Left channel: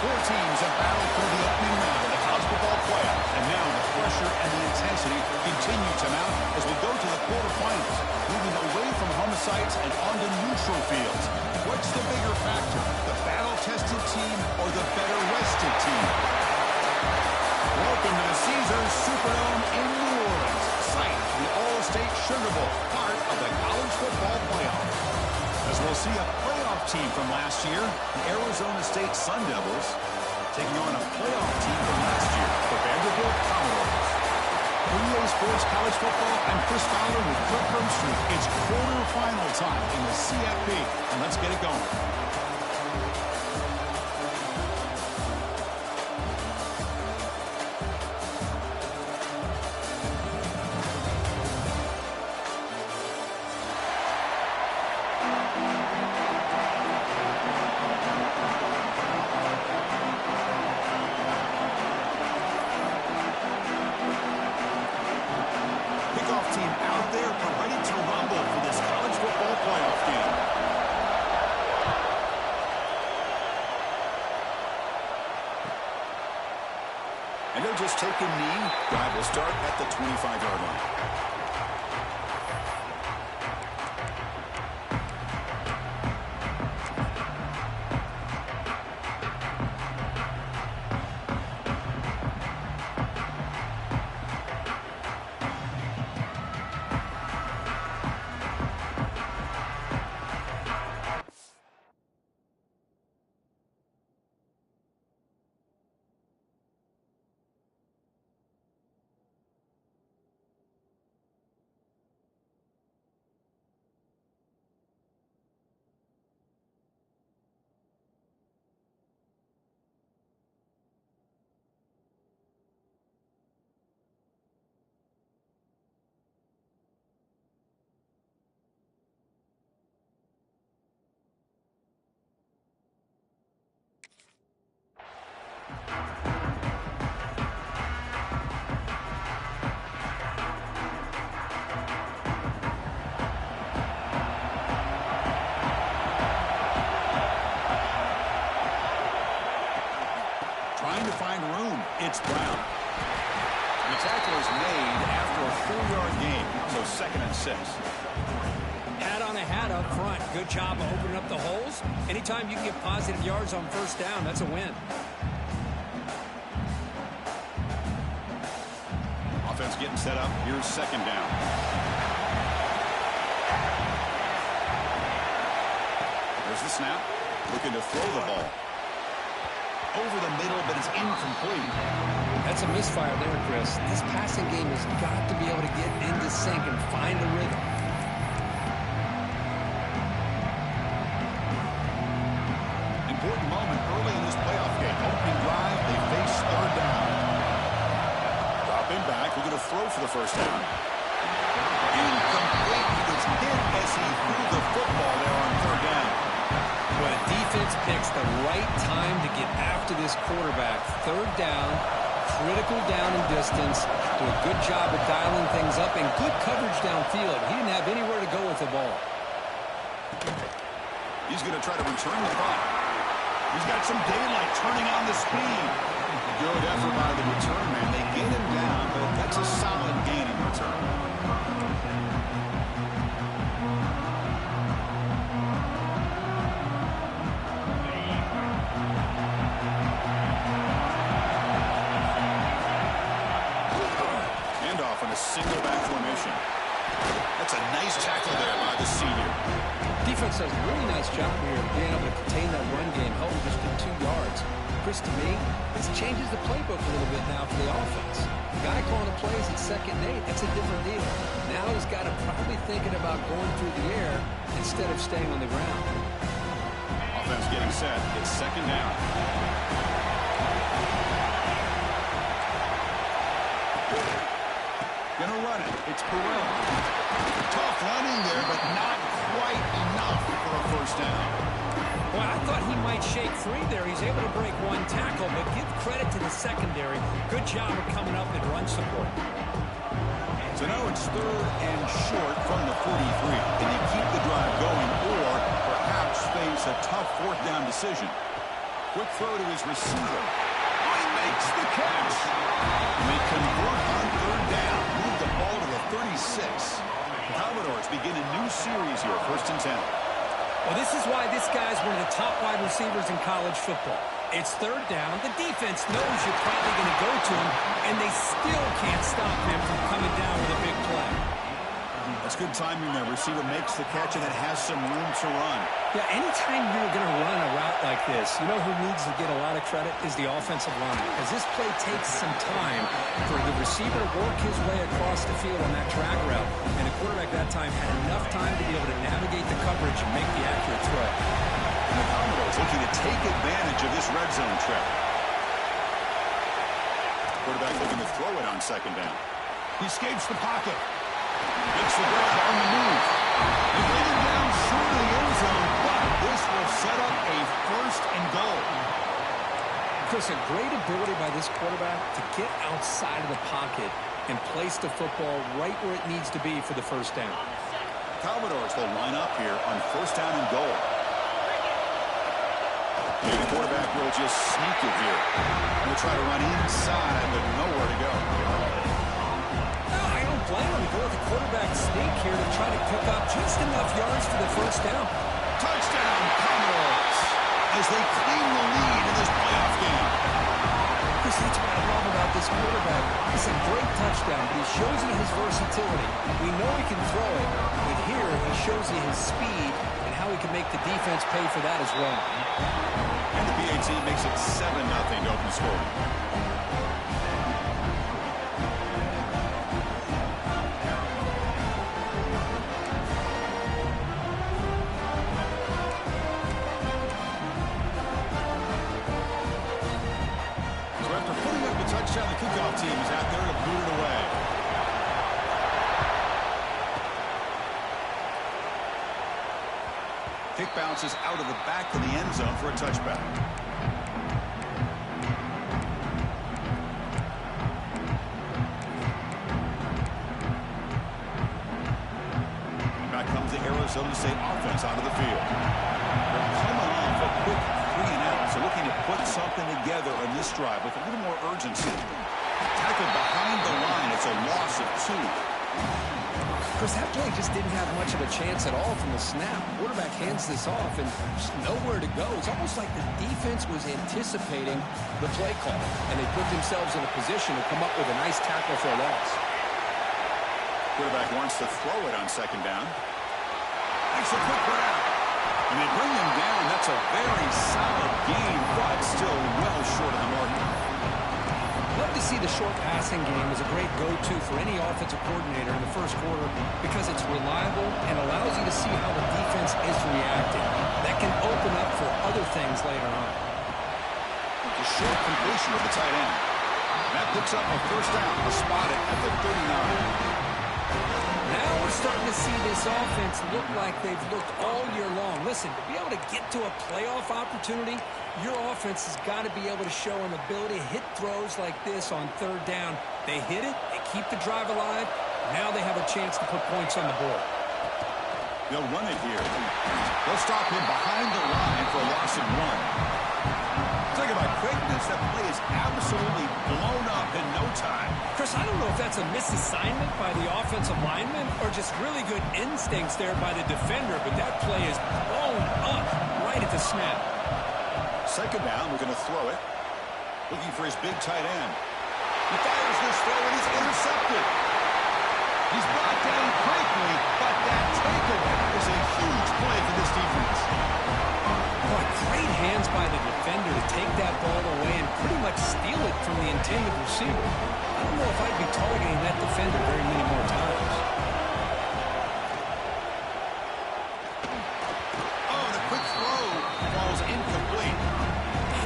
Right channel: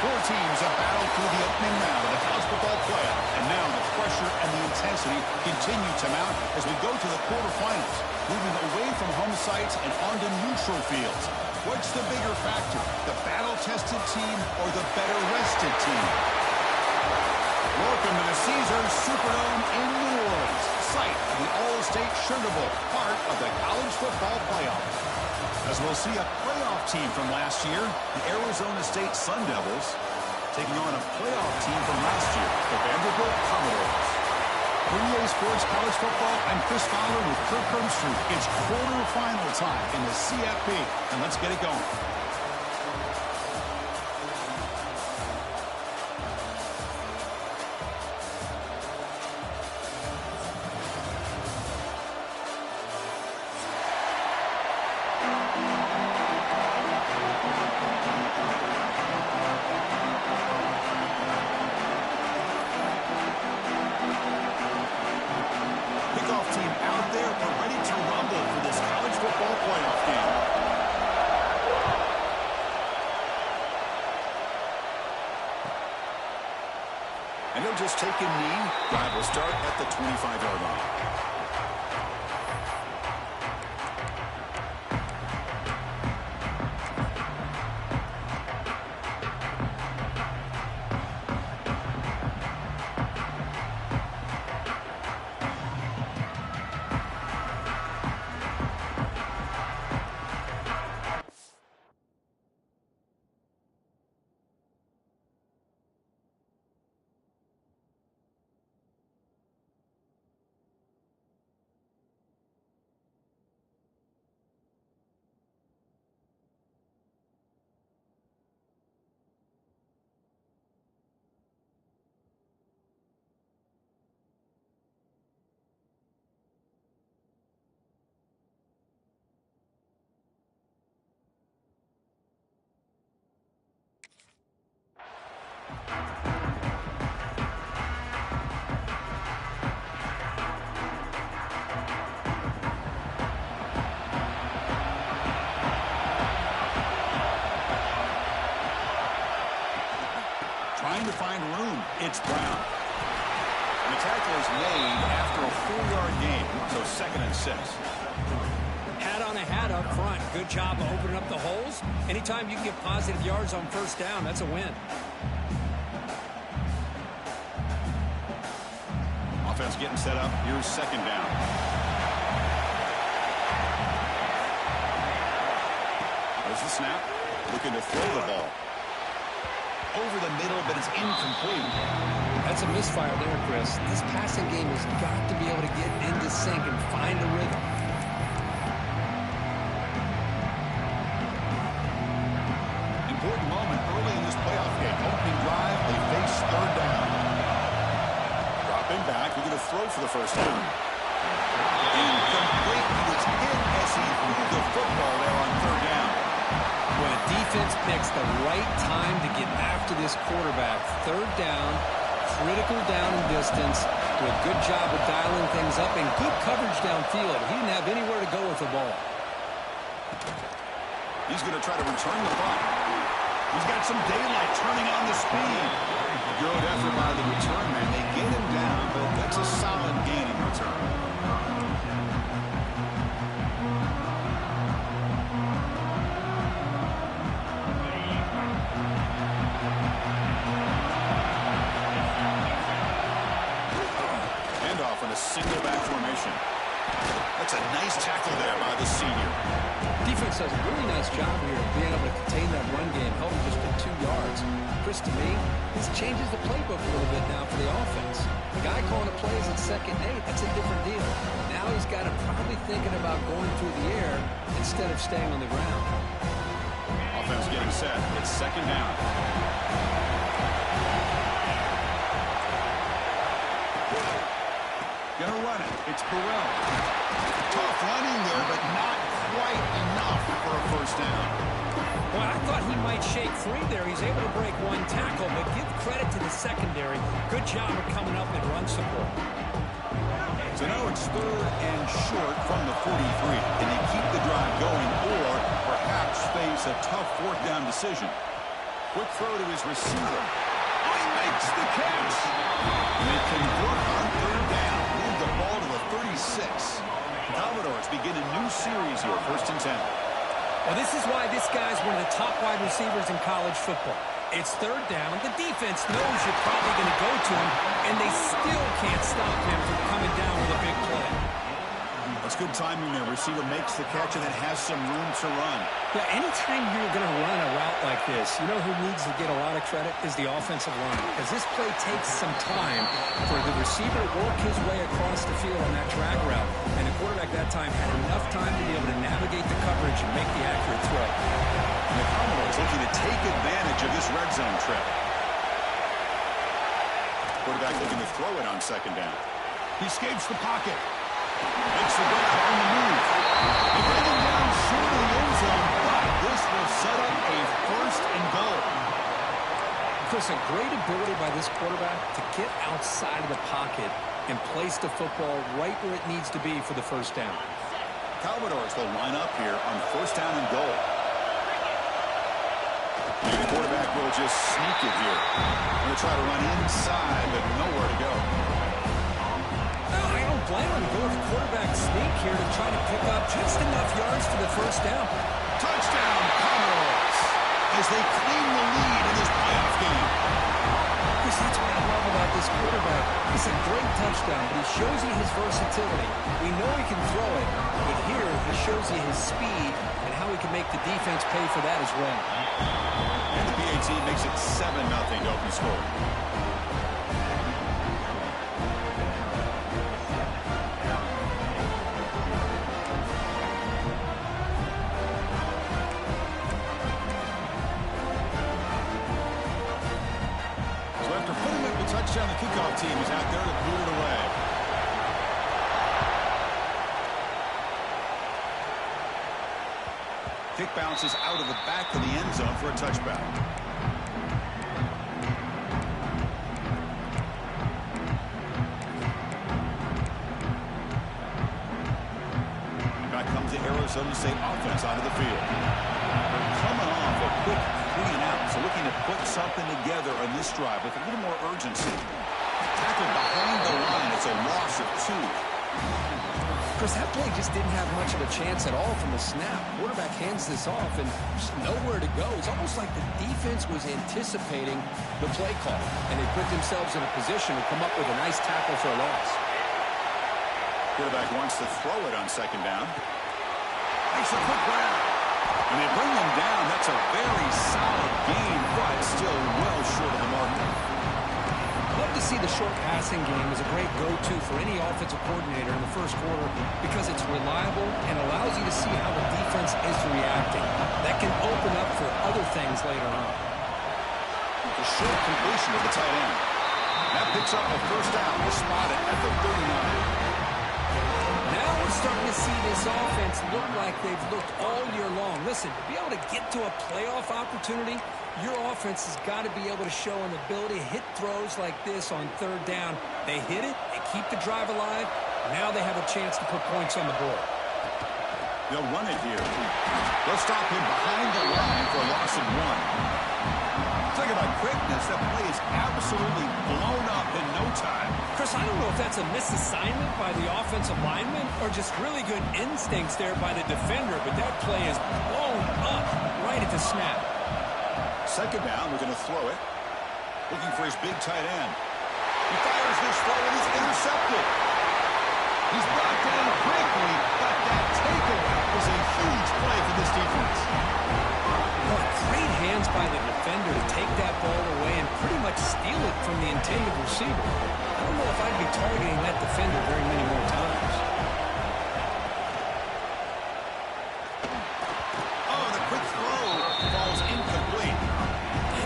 Four teams have battled through the opening round of the college football playoff, and now the pressure and the intensity continue to mount as we go to the quarterfinals, moving away from home sites and onto neutral fields. What's the bigger factor, the battle-tested team or the better-rested team? Welcome to the Caesars Superdome in New Orleans, site of the All-State Sugar Bowl, part of the college football playoff. As we'll see a playoff team from last year, the Arizona State Sun Devils, taking on a playoff team from last year, the Vanderbilt Commodores. For EA Sports College Football, I'm Chris Fowler with Kirk Herbstreit. It's quarterfinal time in the CFP, and let's get it going. And he'll just take a knee. Drive will start at the 25-yard line. Trying to find room. It's Brown. And the tackle is made after a 4-yard gain, so 2nd and 6. Hat on a hat up front. Good job of opening up the holes. Anytime you can get positive yards on first down, that's a win. Offense getting set up. Here's 2nd down. There's the snap. Looking to throw the ball. Over the middle, but it's incomplete. That's a misfire there, Chris. This passing game has got to be able to get into sync and find a rhythm. Important moment early in this playoff game. Opening drive, they face 3rd down. Dropping back, we're going to throw for the first down. Incomplete. He was hit as he threw the football there on 3rd down. When a defense picks the right time to get after this quarterback, 3rd down, critical down and distance, do a good job of dialing things up and good coverage downfield. He didn't have anywhere to go with the ball. He's going to try to return the punt. He's got some daylight turning on the speed. Good effort by the return man. They get him down, but that's a solid gain in return. In a single back formation. That's a nice tackle there by the senior. Defense does a really nice job here of being able to contain that run game, held him just in 2 yards. Chris, to me, this changes the playbook a little bit now for the offense. The guy calling the plays at 2nd and 8, that's a different deal. Now he's got to probably thinking about going through the air instead of staying on the ground. Offense getting set. It's 2nd down. Gonna run it. It's Burrell. Tough running there, but not quite enough for a first down. Well, I thought he might shake free there. He's able to break one tackle, but give credit to the secondary. Good job of coming up and run support. So now it's 3rd and short from the 43. Can they keep the drive going or perhaps face a tough 4th down decision? Quick throw to his receiver. Oh, he makes the catch. And they convert on third down. Move the ball to the 36. Commodores begin a new series here, 1st and 10. Well, this is why this guy's one of the top wide receivers in college football. It's third down. The defense knows you're probably going to go to him, and they still can't stop him from coming down with a big play. That's good timing there. Receiver makes the catch and then has some room to run. Yeah, anytime you're going to run a route like this, you know who needs to get a lot of credit is the offensive line, because this play takes some time for the receiver to work his way across the field on that drag route, and the quarterback that time had enough time to be able to navigate the coverage and make the accurate throw. And the Commodores looking to take advantage of this red zone trip. Quarterback looking to throw it on 2nd down. He escapes the pocket. Makes the grab on the move. They bring him down short of the end zone, but this will set up a 1st and goal. Chris, a great ability by this quarterback to get outside of the pocket and place the football right where it needs to be for the 1st down. Commodores will line up here on 1st down and goal. And the quarterback will just sneak it here. Going to try to run inside, but nowhere to go. I don't blame him to go with the quarterback sneak here to try to pick up just enough yards for the 1st down. Touchdown, Commodores, as they claim the lead in this playoff game. Chris, that's what I love about this quarterback. It's a great touchdown, but he shows you his versatility. We know he can throw it, but here he shows you his speed and how he can make the defense pay for that as well. And the PAT makes it 7-0 to open scoring. After putting up the touchdown, the kickoff team is out there to boot it away. Kick bounces out of the back of the end zone for a touchback. And back comes the Arizona State offense onto the field. They're coming off a quick 3-and-out, so looking to put something together on this drive with a little more urgency. Tackled behind the line. It's a loss of 2. Chris, that play just didn't have much of a chance at all from the snap. Quarterback hands this off and just nowhere to go. It's almost like the defense was anticipating the play call, and they put themselves in a position to come up with a nice tackle for a loss. Quarterback wants to throw it on 2nd down. Makes a quick grab. And they bring him down. That's a very solid gain, but still well short of the marker. Love to see the short passing game as a great go-to for any offensive coordinator in the 1st quarter because it's reliable and allows you to see how the defense is reacting. That can open up for other things later on. The short completion of the tight end. That picks up a 1st down. We'll spot it at the 39. Now we're starting to see this offense look like they've looked all year long. Listen, to be able to get to a playoff opportunity, your offense has got to be able to show an ability to hit throws like this on 3rd down. They hit it, they keep the drive alive. Now they have a chance to put points on the board. They'll run it here. They'll stop him behind the line for a loss of 1. Talking about quickness, that play is absolutely blown up in no time. Chris, I don't know if that's a misassignment by the offensive lineman or just really good instincts there by the defender, but that play is blown up right at the snap. 2nd down, we're going to throw it. Looking for his big tight end. He fires this throw and he's intercepted. He's brought down quickly, but that takeaway is a huge play for this defense. Oh, great hands by the defender to take that ball away and pretty much steal it from the intended receiver. I don't know if I'd be targeting that defender very many more times. Oh, the quick throw falls incomplete.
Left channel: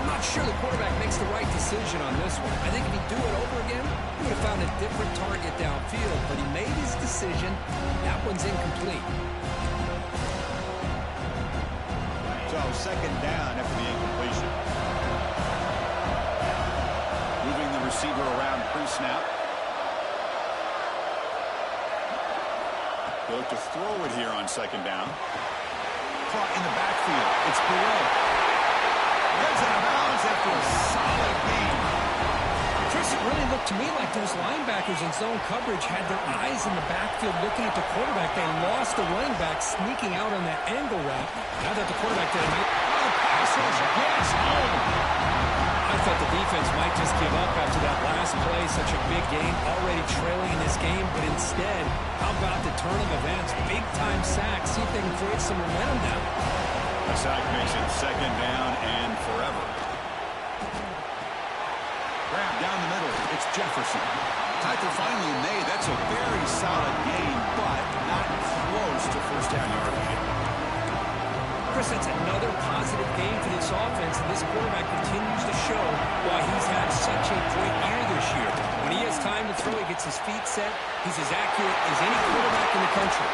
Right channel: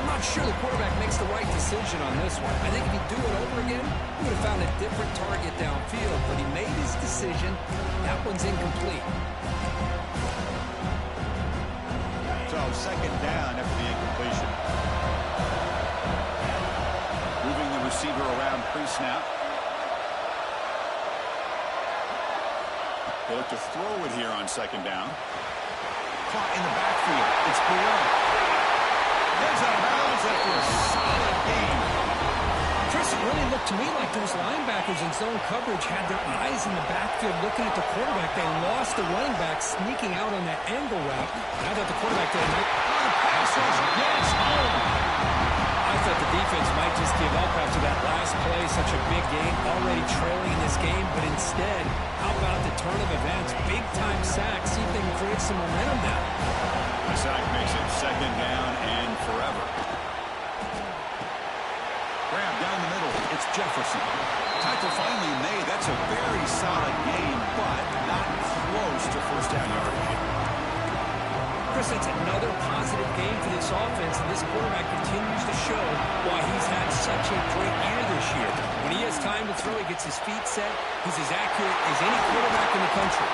I'm not sure the quarterback makes the right decision on this one. I think if he'd do it over again, he would have found a different target downfield, but he made his decision. That one's incomplete. So 2nd down after the incompletion. Moving the receiver around pre-snap. They look to throw it here on 2nd down. Caught in the backfield. It's Burrell. Gets out of bounds after a solid gain. Chris, it really looked to me like those linebackers in zone coverage had their eyes in the backfield looking at the quarterback. They lost the running back sneaking out on that angle route. Now that the quarterback did a nice pass rush gets home. I thought the defense might just give up after that last play. Such a big gain, already trailing in this game. But instead, how about the turn of events? Big-time sack. See if they can create some momentum now. A sack makes it second down and forever. Grab down the middle. It's Jefferson. Tackle finally made. That's a very solid gain, but not close to first down yardage. Chris, it's another positive game for this offense, and this quarterback continues to show why he's had such a great year this year. When he has time to throw, he gets his feet set. He's as accurate as any quarterback in the country.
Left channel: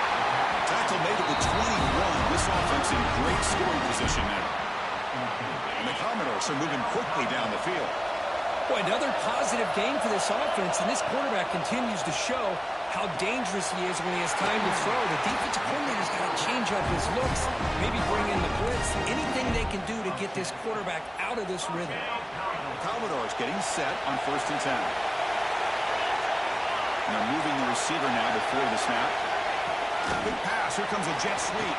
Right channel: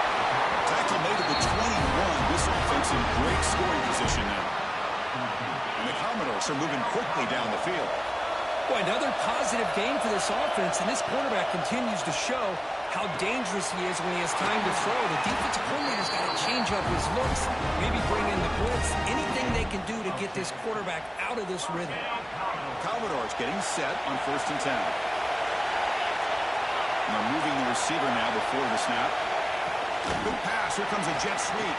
Tackle made at the 21. This offense in great scoring position now. And the Commodores are moving quickly down the field. Boy, another positive game for this offense, and this quarterback continues to show how dangerous he is when he has time to throw. The defensive coordinator's got to change up his looks, maybe bring in the blitz, anything they can do to get this quarterback out of this rhythm. Commodores getting set on 1st and 10. And they're moving the receiver now before the snap. Good pass. Here comes a jet sweep.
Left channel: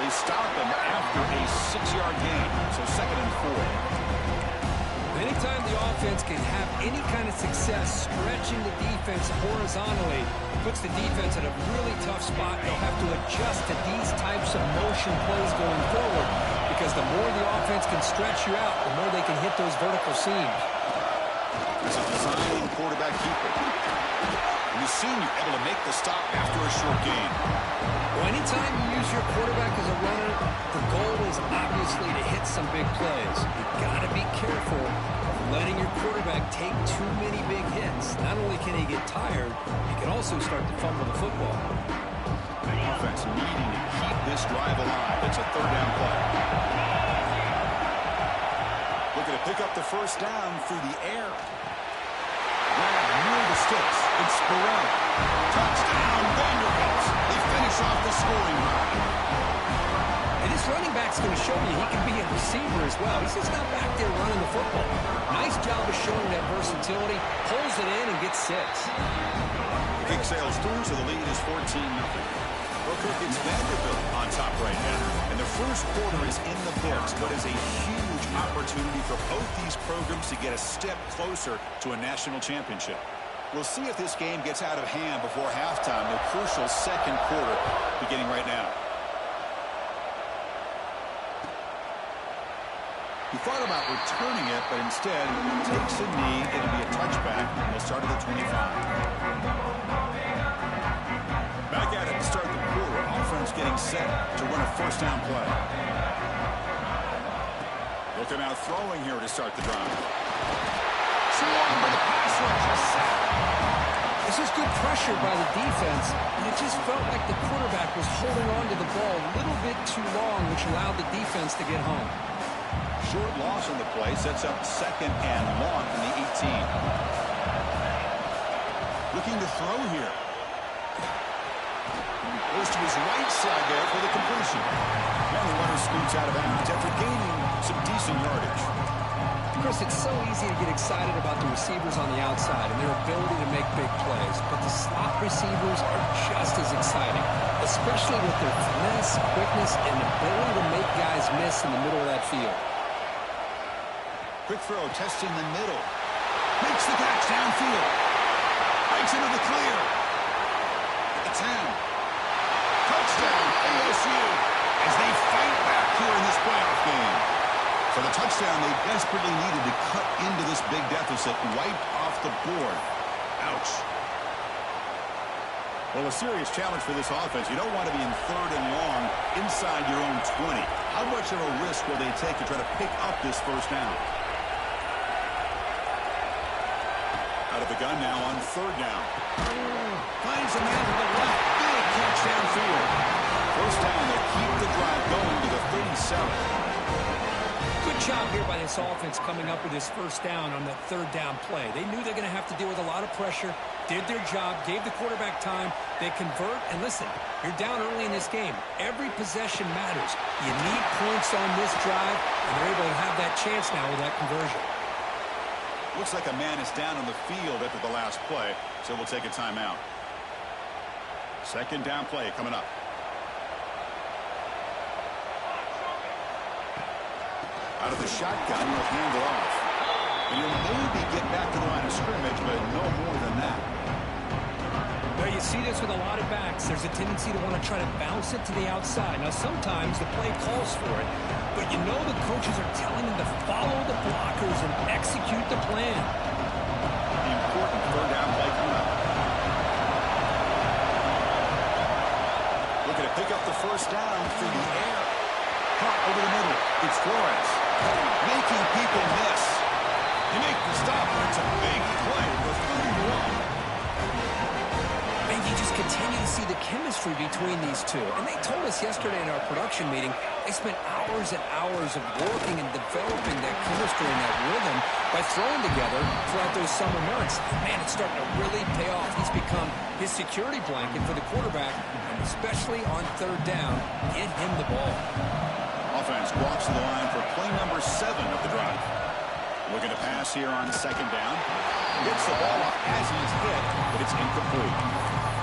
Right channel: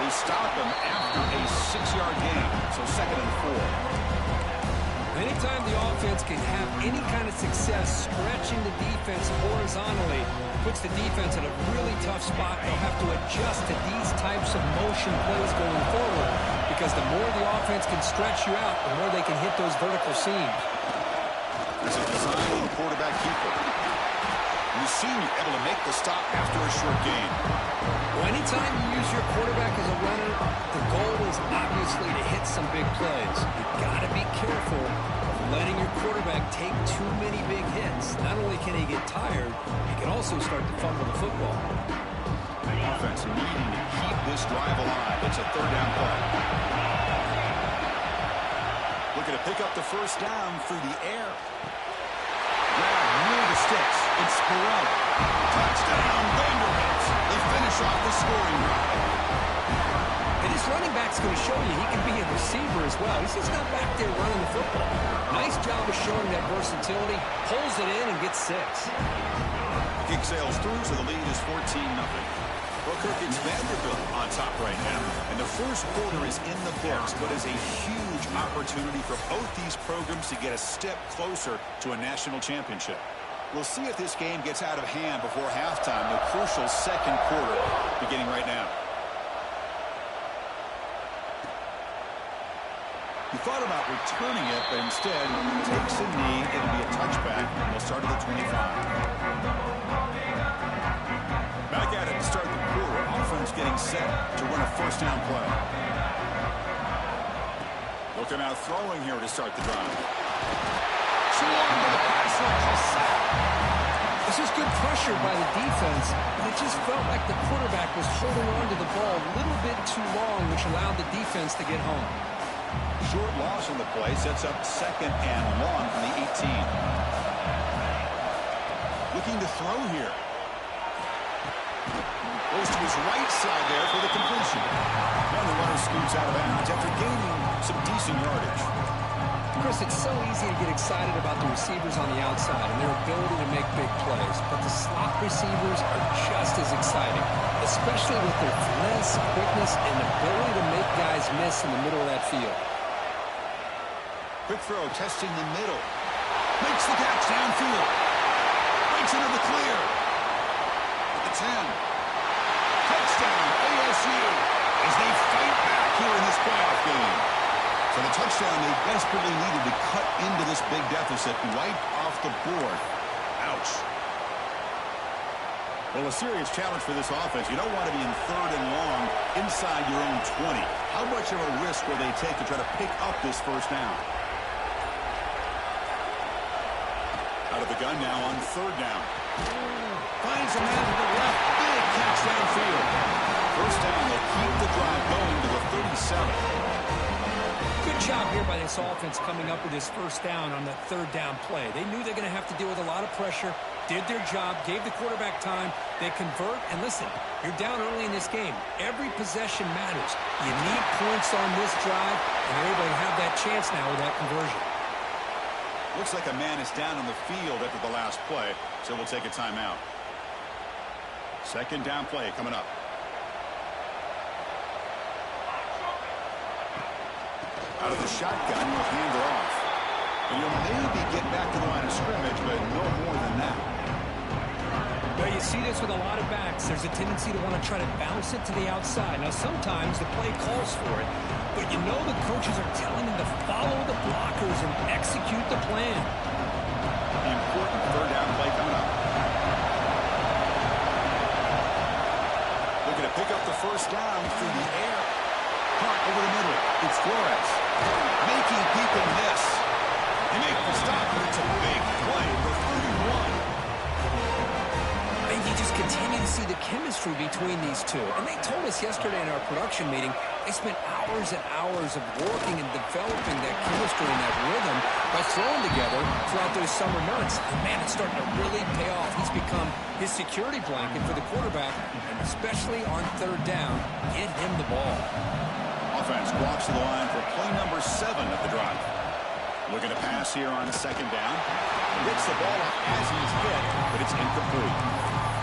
They stop him after a 6-yard gain. So 2nd and 4. Anytime the offense can have any kind of success stretching the defense horizontally, puts the defense in a really tough spot. They'll have to adjust to these types of motion plays going forward, because the more the offense can stretch you out, the more they can hit those vertical seams. It's a design quarterback keeper. And the senior able to make the stop after a short gain. Well, anytime you use your quarterback as a runner, the goal is obviously to hit some big plays. You've got to be careful of letting your quarterback take too many big hits. Not only can he get tired, he can also start to fumble the football. The offense needing to keep this drive alive. It's a 3rd down play. Looking to pick up the first down through the air. Grab near the sticks. It's Burrell. Touchdown, Vanderbilt. They finish off the scoring drive. And this running back's going to show you he can be a receiver as well. He's just not back there running the football. Nice job of showing that versatility. Pulls it in and gets 6. The kick sails through, so the lead is 14-0. Well, Kirk, it's Vanderbilt on top right now. And the first quarter is in the books, but is a huge opportunity for both these programs to get a step closer to a national championship. We'll see if this game gets out of hand before halftime, the crucial 2nd quarter beginning right now. He thought about returning it, but instead takes a knee. It'll be a touchback. They'll start at the 25. Back at it to start the quarter. Offense getting set to run a first down play. Looking out throwing here to start the drive. Swarmed by the pass rush. A sack. This is good pressure by the defense, but it just felt like the quarterback was holding on to the ball a little bit too long, which allowed the defense to get home. Short loss on the play sets up 2nd and long from the 18. Looking to throw here. Goes to his right side there for the completion. And the runner scoots out of bounds after gaining some decent yardage. Chris, it's so easy to get excited about the receivers on the outside and their ability to make big plays, but the slot receivers are just as exciting, especially with their finesse, quickness, and ability to make guys miss in the middle of that field. Quick throw, testing the middle. Makes the catch downfield. Breaks into the clear. At the 10. Touchdown, ASU, as they fight back here in this playoff game. For the touchdown, they desperately needed to cut into this big deficit, wiped off the board. Ouch. Well, a serious challenge for this offense. You don't want to be in 3rd and long inside your own 20. How much of a risk will they take to try to pick up this first down? Out of the gun now on 3rd down. Finds a man to the left. Big catch downfield. First down, they'll keep the drive going to the 37. Good Good job here by this offense coming up with this first down on that third down play. They knew they're going to have to deal with a lot of pressure, did their job, gave the quarterback time. They convert, and listen, you're down early in this game. Every possession matters. You need points on this drive, and they're able to have that chance now with that conversion. Looks like a man is down on the field after the last play, so we'll take a timeout. Second down play coming up. Out of the shotgun, he'll hand it off. And you'll maybe get back to the line of scrimmage, but no more than that. Well, you see this with a lot of backs. There's a tendency to want to try to bounce it to the outside. Now, sometimes the play calls for it, but you know the coaches are telling them to follow the blockers and execute the plan. The important third down play coming up. Looking to pick up the first down through the air. Caught over the middle. It's Flores. Making people miss. They make the stop, but it's a big play for 31. And you just continue to see the chemistry between these two. And they told us yesterday in our production meeting, they spent hours and hours of working and developing that chemistry and that rhythm by throwing together throughout those summer months. And man, it's starting to really pay off. He's become his security blanket for the quarterback, and especially on third down, get him the ball. Offense walks to the line for play number 7 of the drive. Looking to pass here on second down. Gets the ball off as he's hit, but it's incomplete.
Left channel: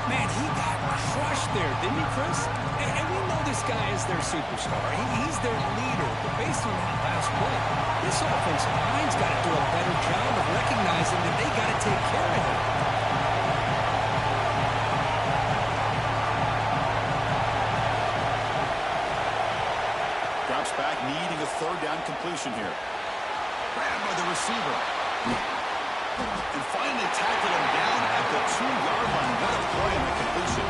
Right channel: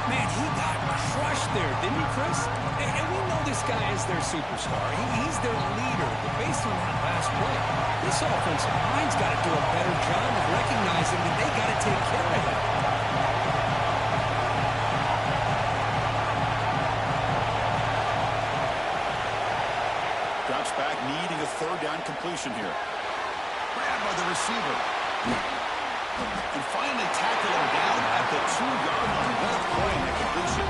Man, he got crushed there, didn't he, Chris? And we know this guy is their superstar. He's their leader. But based on that last play, this offensive line's got to do a better job of recognizing that they got to take care of him. Drops back, needing a third down completion here. Grabbed by the receiver. And finally tackle him down at the 2-yard line. What a play in the completion.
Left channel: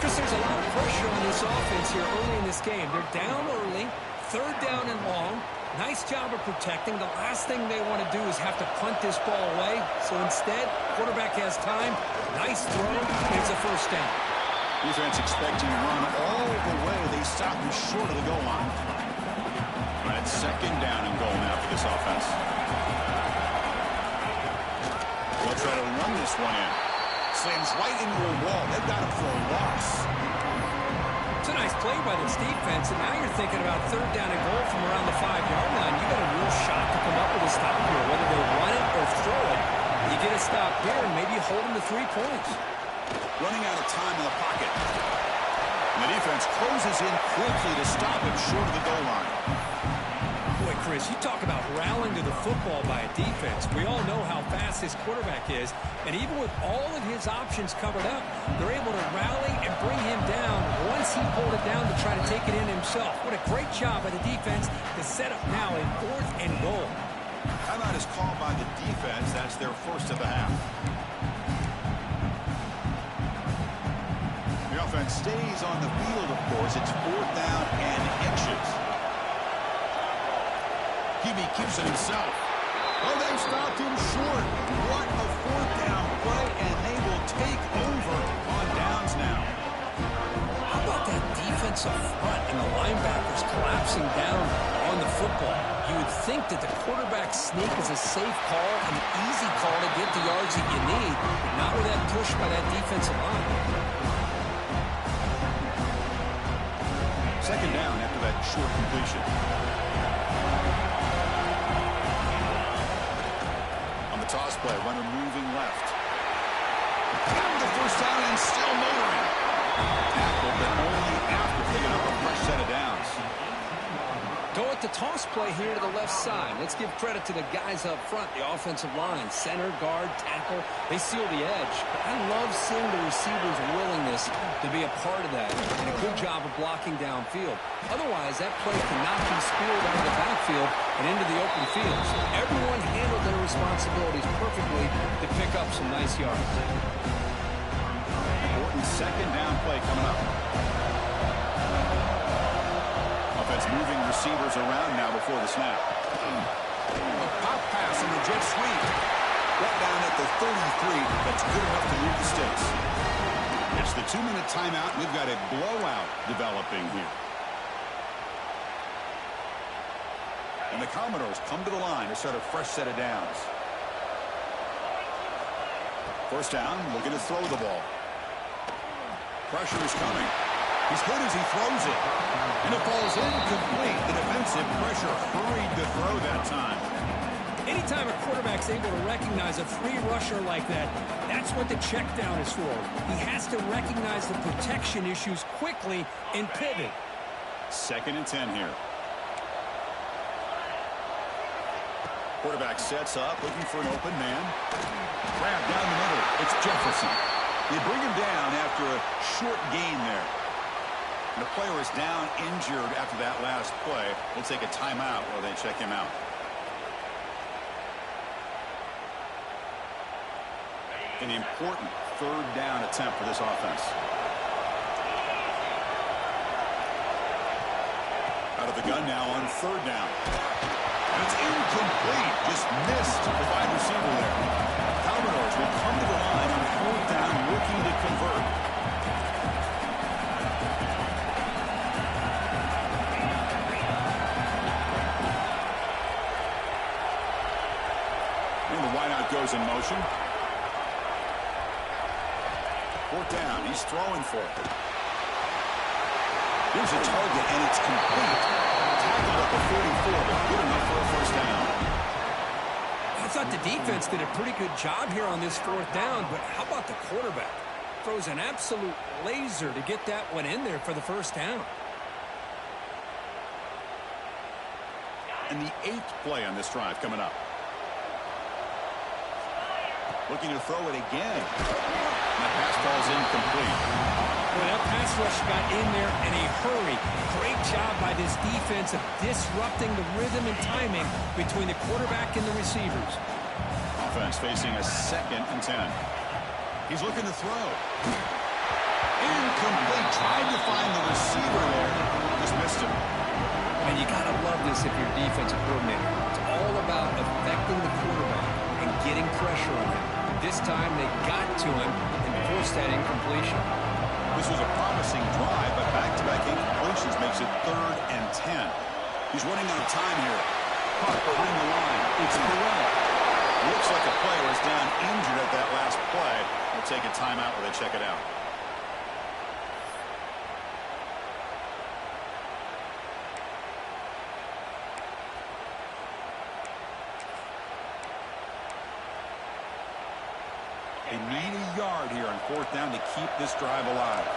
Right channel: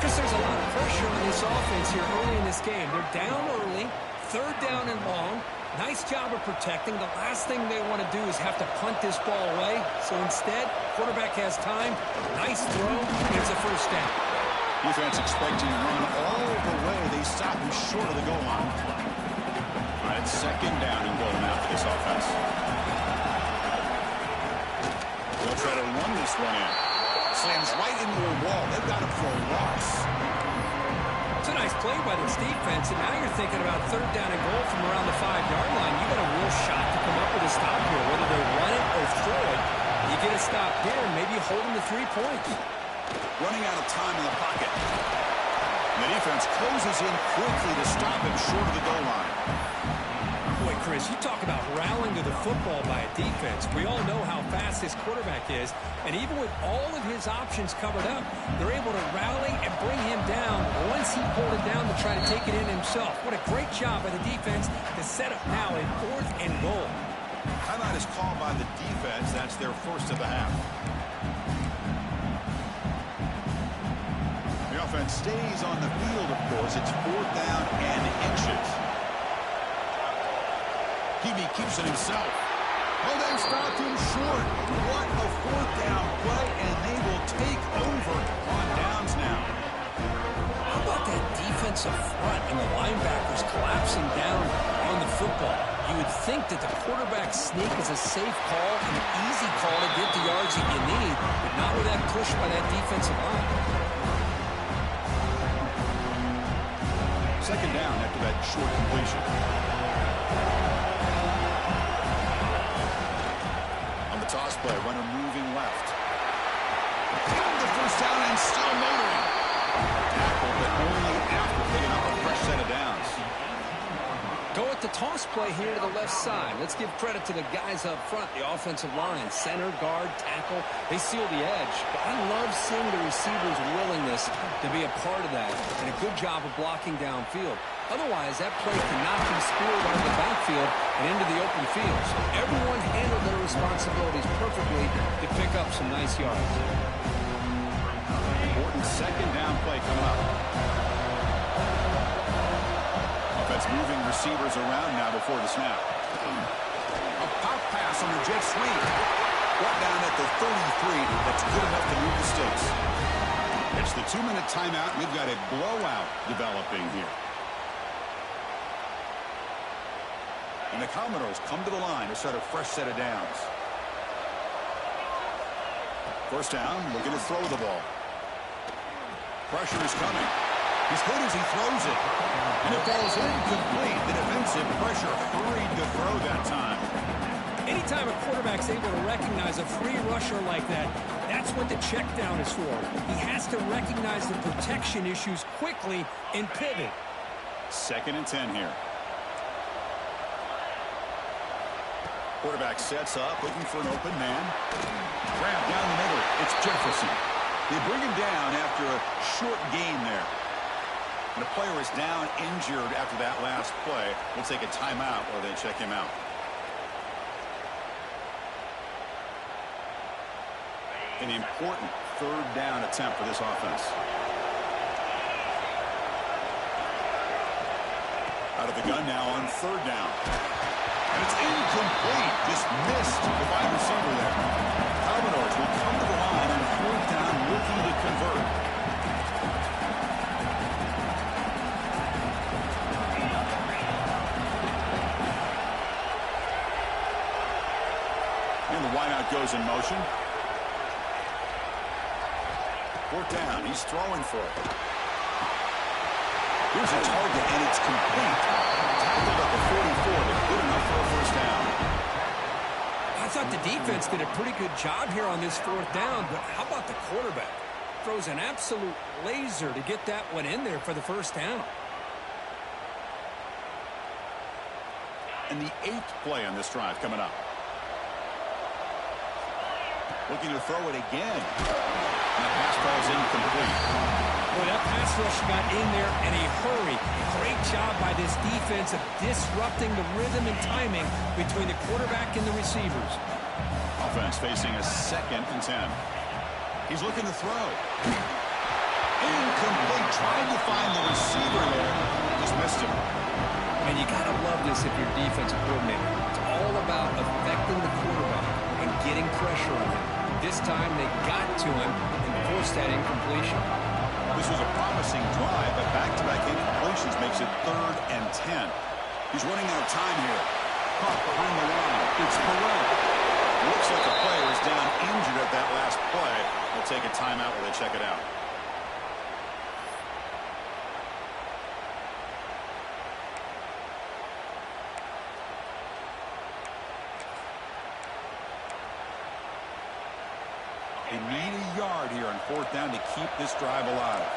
Chris, there's a lot of pressure on this offense here early in this game. They're down early, third down and long. Nice job of protecting. The last thing they want to do is have to punt this ball away. So instead, quarterback has time. Nice throw, and it's a first down. Defense expecting to run all the way. They stop him short of the goal line. All right, second down and goal now for this offense. They'll try to run this one in. Slams right into a wall. They've got him for a loss. It's a nice play by this defense, and now you're thinking about third down and goal from around the 5-yard line. You got a real shot to come up with a stop here, whether they run it or throw it. You get a stop here and maybe hold them to 3 points. Running out of time in the pocket. And the defense closes in quickly to stop him short of the goal line. Boy, Chris, you talk about rallying to the football by a defense. We all know how fast this quarterback is, and even with all of his options covered up, they're able to rally and bring him down once he pulled it down to try to take it in himself. What a great job by the defense to set up now a 4th and goal. Timeout is called by the defense. That's their first of the half. The offense stays on the field, of course. It's 4th down and inches. Hebe keeps it himself. Oh, they've stopped him short. What a 4th down play, and they will take over on downs now. How about that defensive front and the linebackers collapsing down on the football? You would think that the quarterback sneak is a safe call and an easy call to get the yards that you need, but not with that push by that defensive line. Second down after that short completion. On the toss play, runner moving left. Got the first down and still motoring. Tackle, but only after picking up a fresh set of downs. Go at the toss play here to the left side. Let's give credit to the guys up front, the offensive line, center, guard, tackle. They seal the edge. But I love seeing the receiver's willingness to be a part of that and a good job of blocking downfield. Otherwise, that play cannot be spilled out of the backfield and into the open field. So everyone handled their responsibilities perfectly to pick up some nice yards. Important second down play coming up. Offense moving receivers around now before the snap. A pop pass on the jet sweep. Brought down at the 33. That's good enough to move the sticks. It's the 2-minute timeout. We've got a blowout developing here. And the Commodores come to the line to start a fresh set of downs. First down, looking to throw the ball. Pressure is coming. He's hit as he throws it. And it falls incomplete. The defensive pressure hurried to throw that time. Anytime a quarterback's able to recognize a free rusher like that, that's what the check down is for. He has to recognize the protection issues quickly and pivot. 2nd and 10 here. Quarterback sets up, looking for an open man. Grab down the middle. It's Jefferson. They bring him down after a short gain there. And a player is down injured after that last play. We'll take a timeout while they check him out. An important 3rd down attempt for this offense. Out of the gun now on 3rd down. And it's incomplete. Just missed the wide receiver there. Commodores will come to the line on 4th down, looking to convert. And the wideout goes in motion. 4th down. He's throwing for it. Here's a target, and it's complete. Tackled at the 44, but good enough for a 1st down. I thought the defense did a pretty good job here on this 4th down, but how about the quarterback? Throws an absolute laser to get that one in there for the 1st down. And the 8th play on this drive coming up. Looking to throw it again. And the pass falls incomplete. Boy, that pass rush got in there in a hurry. Great job by this defense of disrupting the rhythm and timing between the quarterback and the receivers. Offense facing a 2nd and 10. He's looking to throw. Incomplete. Tried to find the receiver there. Just missed him. And you got to love this if you're defensive coordinator. It's all about affecting the quarterback and getting pressure on him. This time they got to him and forced that incompletion. This was a promising drive, but back-to-back incompletions makes it 3rd and 10. He's running out of time here. Caught behind the line. It's Burrell. Looks like a player is down injured at that last play. We'll take a timeout while they check it out. They need a yard here on 4th down to keep this drive alive.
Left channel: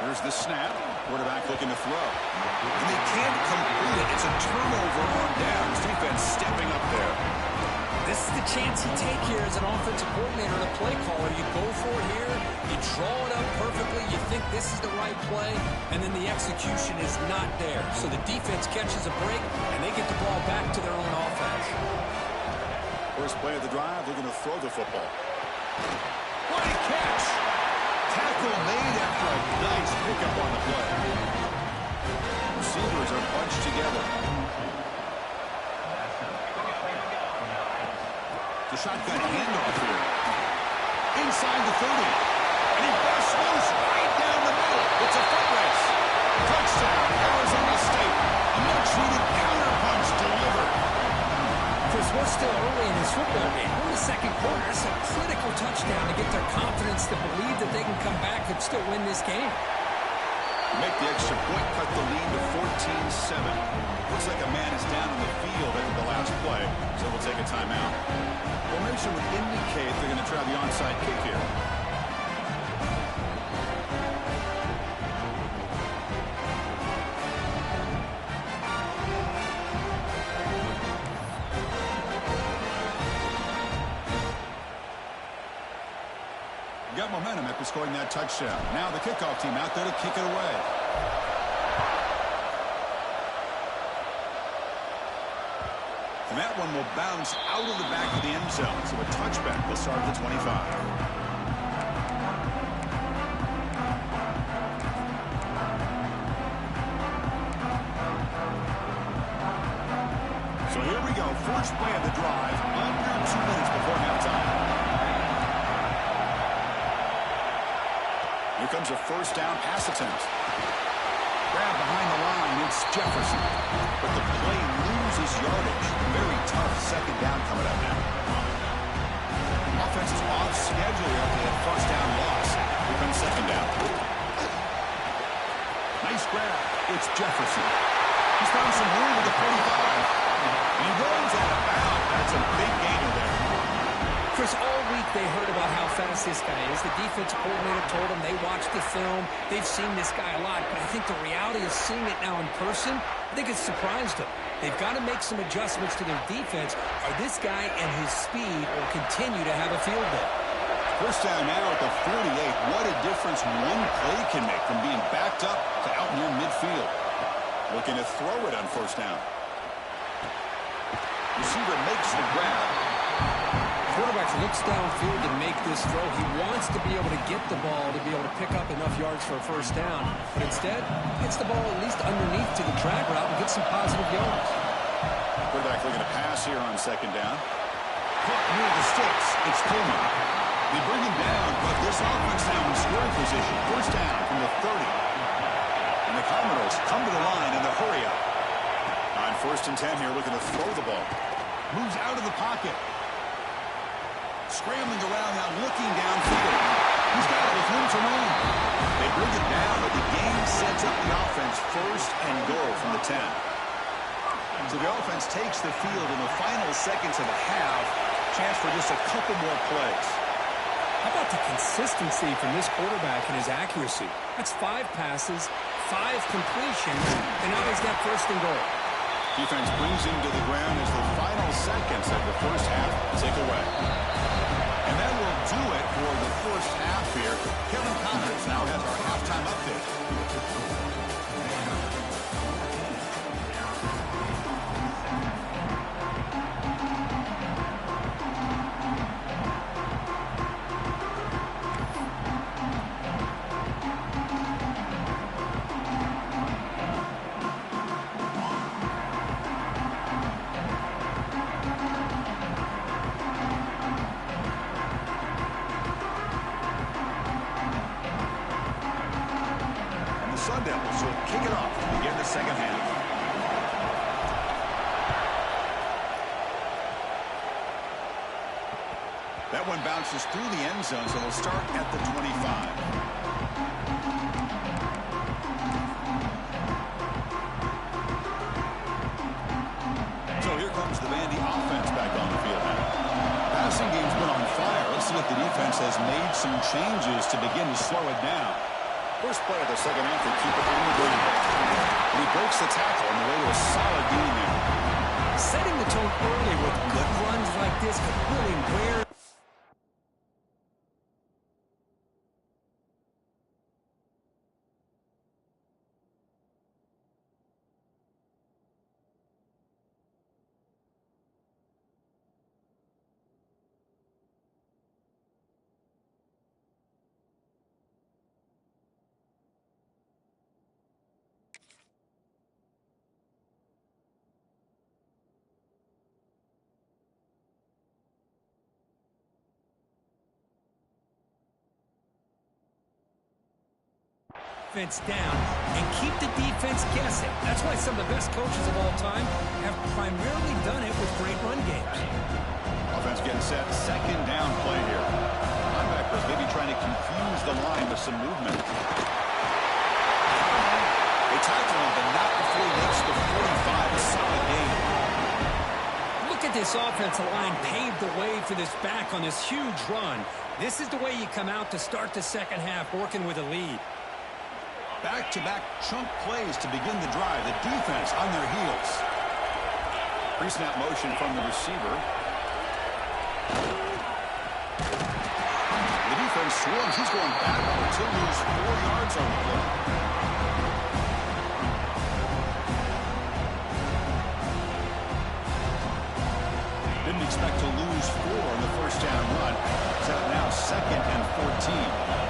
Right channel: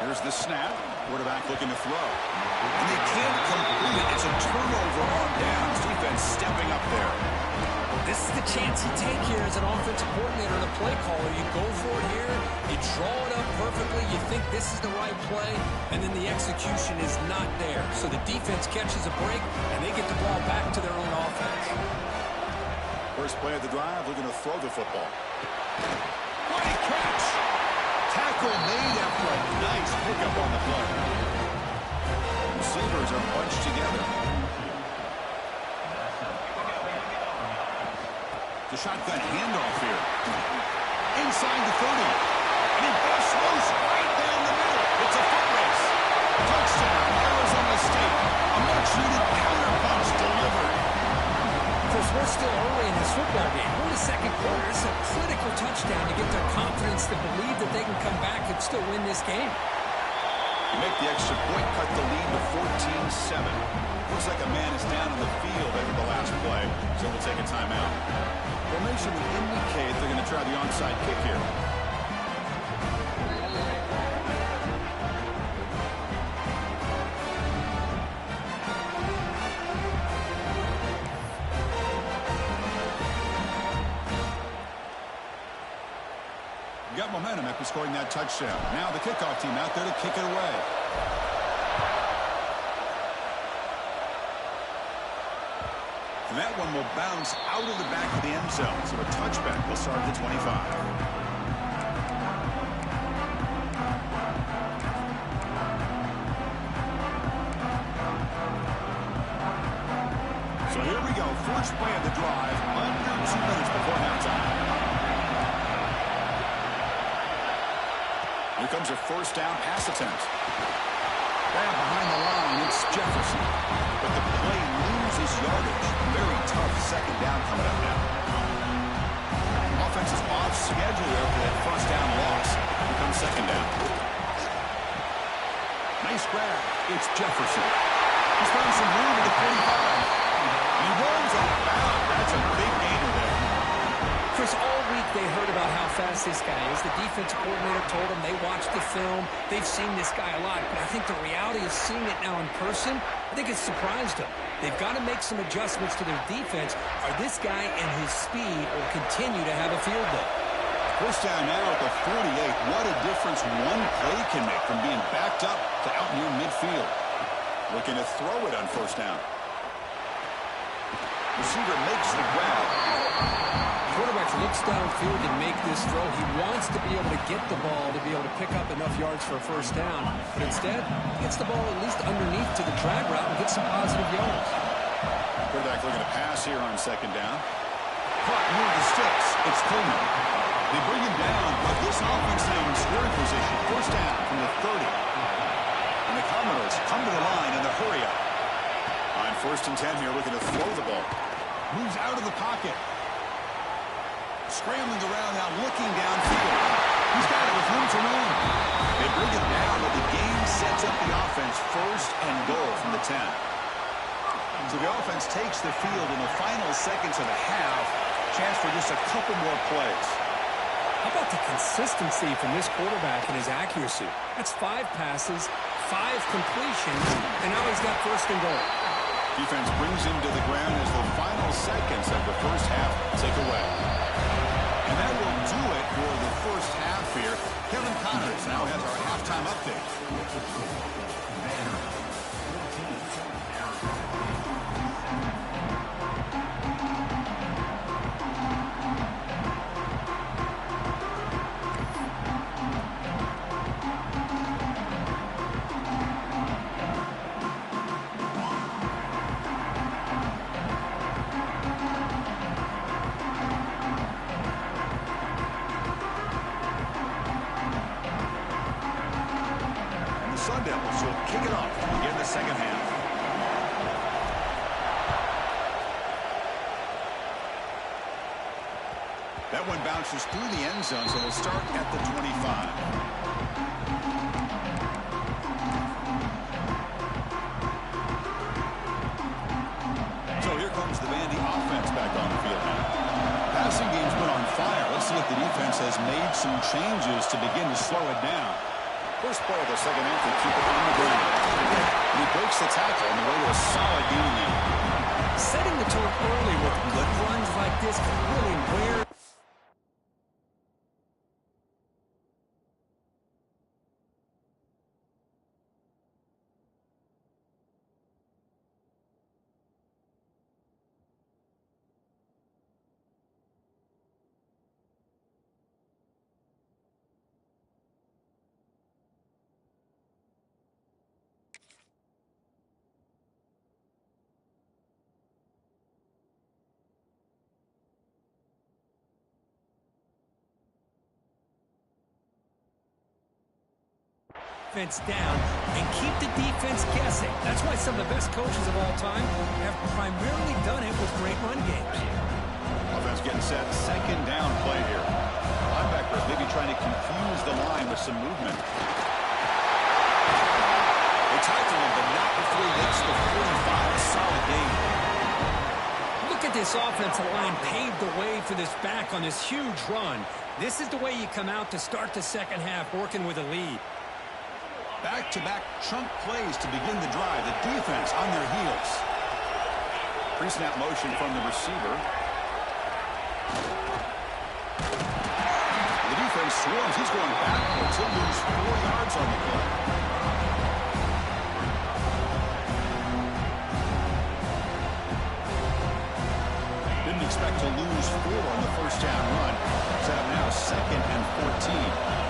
Here's the snap. Quarterback looking to throw. And they can't complete it. It's a turnover on downs. Defense stepping up there. This is the chance you take here as an offensive coordinator and a play caller. You go for it here. You draw it up perfectly. You think this is the right play. And then the execution is not there. So the defense catches a break, and they get the ball back to their own offense. First play of the drive, looking to throw the football. What a catch! Tackle made after a nice pickup on the play. Receivers are bunched together. The shotgun handoff here. Inside the 30. And he busts loose right down the middle. It's a foot race. Touchdown, Arizona State. A much-needed counterpunch delivered. Chris, we're still early in this football game. We're in the 2nd quarter. It's a critical touchdown to get their confidence to believe that they can come back and still win this game. Make the extra point, cut the lead to 14-7. Looks like a man is down on the field after the last play, so we'll take a timeout. Formation would indicate they're going to try the onside kick here. Got momentum after scoring that touchdown. Now the kickoff team out there to kick it away. And that one will bounce out of the back of the end zone. So a touchback will start at the 25. So here we go. First play of the drive. Under 2 minutes before halftime. Here comes a 1st down pass attempt. Grab behind the line. It's Jefferson. But the play loses yardage. Very tough second down coming up now. Offense is off schedule after that first down loss. Here comes second down. Nice grab. It's Jefferson. He's found some room at the 45. And he runs out of bounds. That's a big gainer there. Chris, all week they heard about how fast this guy is. The defensive coordinator told them they watched the film. They've seen this guy a lot. But I think the reality of seeing it now in person, I think it's surprised them. They've got to make some adjustments to their defense, or this guy and his speed will continue to have a field day. First down now at the 48. What a difference one play can make from being backed up to out near midfield. Looking to throw it on first down. Receiver makes the grab. Quarterback looks downfield to make this throw. He wants to be able to get the ball to be able to pick up enough yards for a first down. But instead, he gets the ball at least underneath to the drag route and gets some positive yards. Quarterback looking to pass here on second down. Caught near the sticks. It's Coleman. They bring him down, but this offense now in scoring position. First down from the 30. And the Commodores come to the line in the hurry up. On first and 10 here, looking to throw the ball. Moves out of the pocket. Scrambling around now, looking downfield. He's got it with room to run. They bring it down, but the game sets up the offense first and goal from the 10. So the offense takes the field in the final seconds of the half. Chance for just a couple more plays. How about the consistency from this quarterback and his accuracy? That's 5 passes, 5 completions, and now he's got first and goal. Defense brings him to the ground as the final seconds of the first half tick away. And that will do it for the first half here. Kevin Connors now has our halftime update. Sun Devils will kick it off to begin the second half. That one bounces through the end zone, so we'll start at the 25. So here comes the Vandy offense back on the field now. Passing game's been on fire. Let's see if the defense has made some changes to begin to slow it down. First play of the second half, they keep it on the ground. And he breaks the tackle on the way to a solid gain there. Setting the tone early with good runs like this could really wear. Down and keep the defense guessing. That's why some of the best coaches of all time have primarily done it with great run games. Offense getting set. Second down play here. Linebackers maybe trying to confuse the line with some movement. They tackle him, but not before he makes the 45. A solid gain. Look at this offensive line paved the way for this back on this huge run. This is the way you come out to start the second half, working with a lead. Back-to-back chunk plays to begin the drive. The defense on their heels. Pre-snap motion from the receiver. The defense swarms. He's going backwards. He'll lose 4 yards on the play. Didn't expect to lose 4 on the first down run. Set up now second and 14.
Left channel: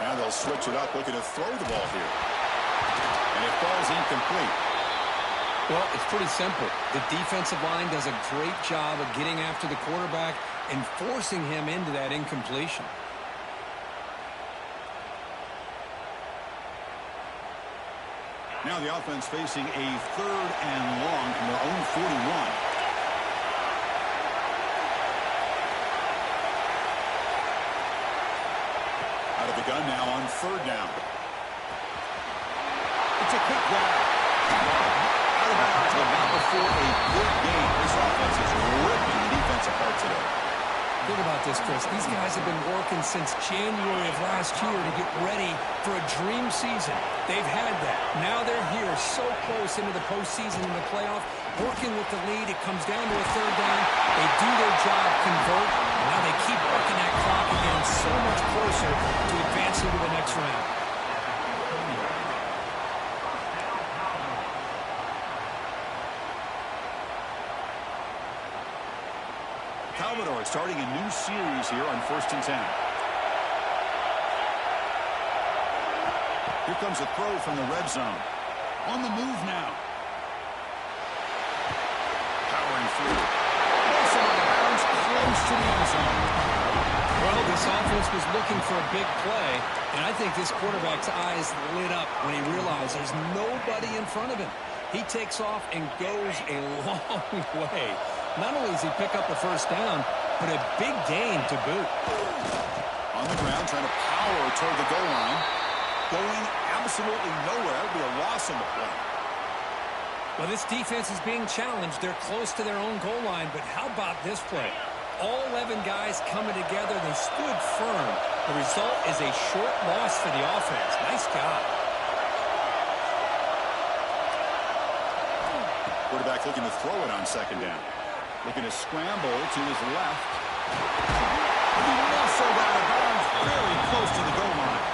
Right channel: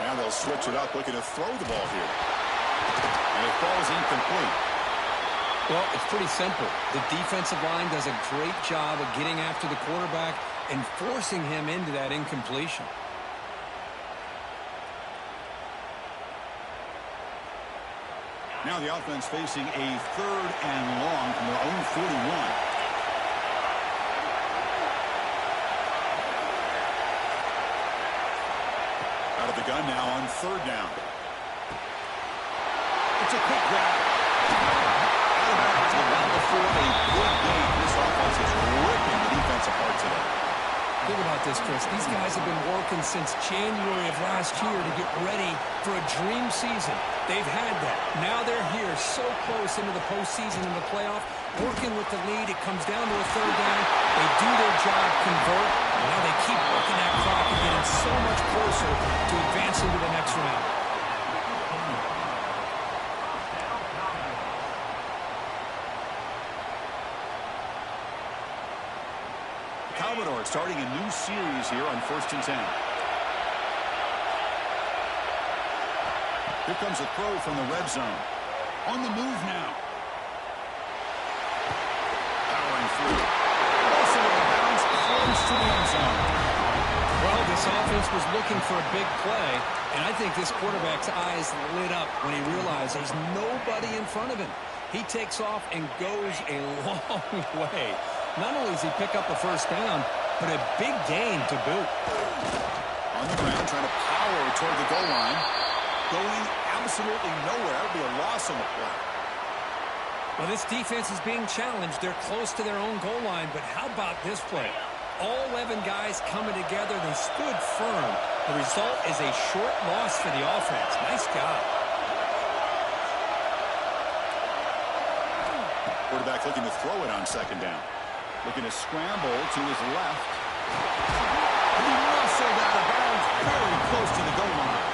Now they'll switch it up, looking to throw the ball here. And it falls incomplete. Well, it's pretty simple. The defensive line does a great job of getting after the quarterback and forcing him into that incompletion. Now the offense facing a 3rd and long from their own 41. Out of the gun now on 3rd down. It's a quick grab. Out of bounds, but not before a big gain. This offense is ripping the defense apart today. Think about this, Chris. These guys have been working since January of last year to get ready for a dream season. They've had that. Now they're here so close into the postseason and the playoff, working with the lead. It comes down to a 3rd down. They do their job, convert, and now they keep working that clock and getting so much closer to advancing to the next round. Commodore starting a new series here on 1st and 10. Here comes a throw from the red zone. On the move now. Powering through. Also on the bounce, close to the end zone. Well, this offense was looking for a big play, and I think this quarterback's eyes lit up when he realized there's nobody in front of him. He takes off and goes a long way. Not only does he pick up a 1st down, but a big gain to boot. On the ground, trying to power toward the goal line. Going absolutely nowhere. That would be a loss on the play. Well, this defense is being challenged. They're close to their own goal line, but how about this play? All 11 guys coming together. They stood firm. The result is a short loss for the offense. Nice job. Quarterback looking to throw it on 2nd down. Looking to scramble to his left. He muscled out of bounds very close to the goal line.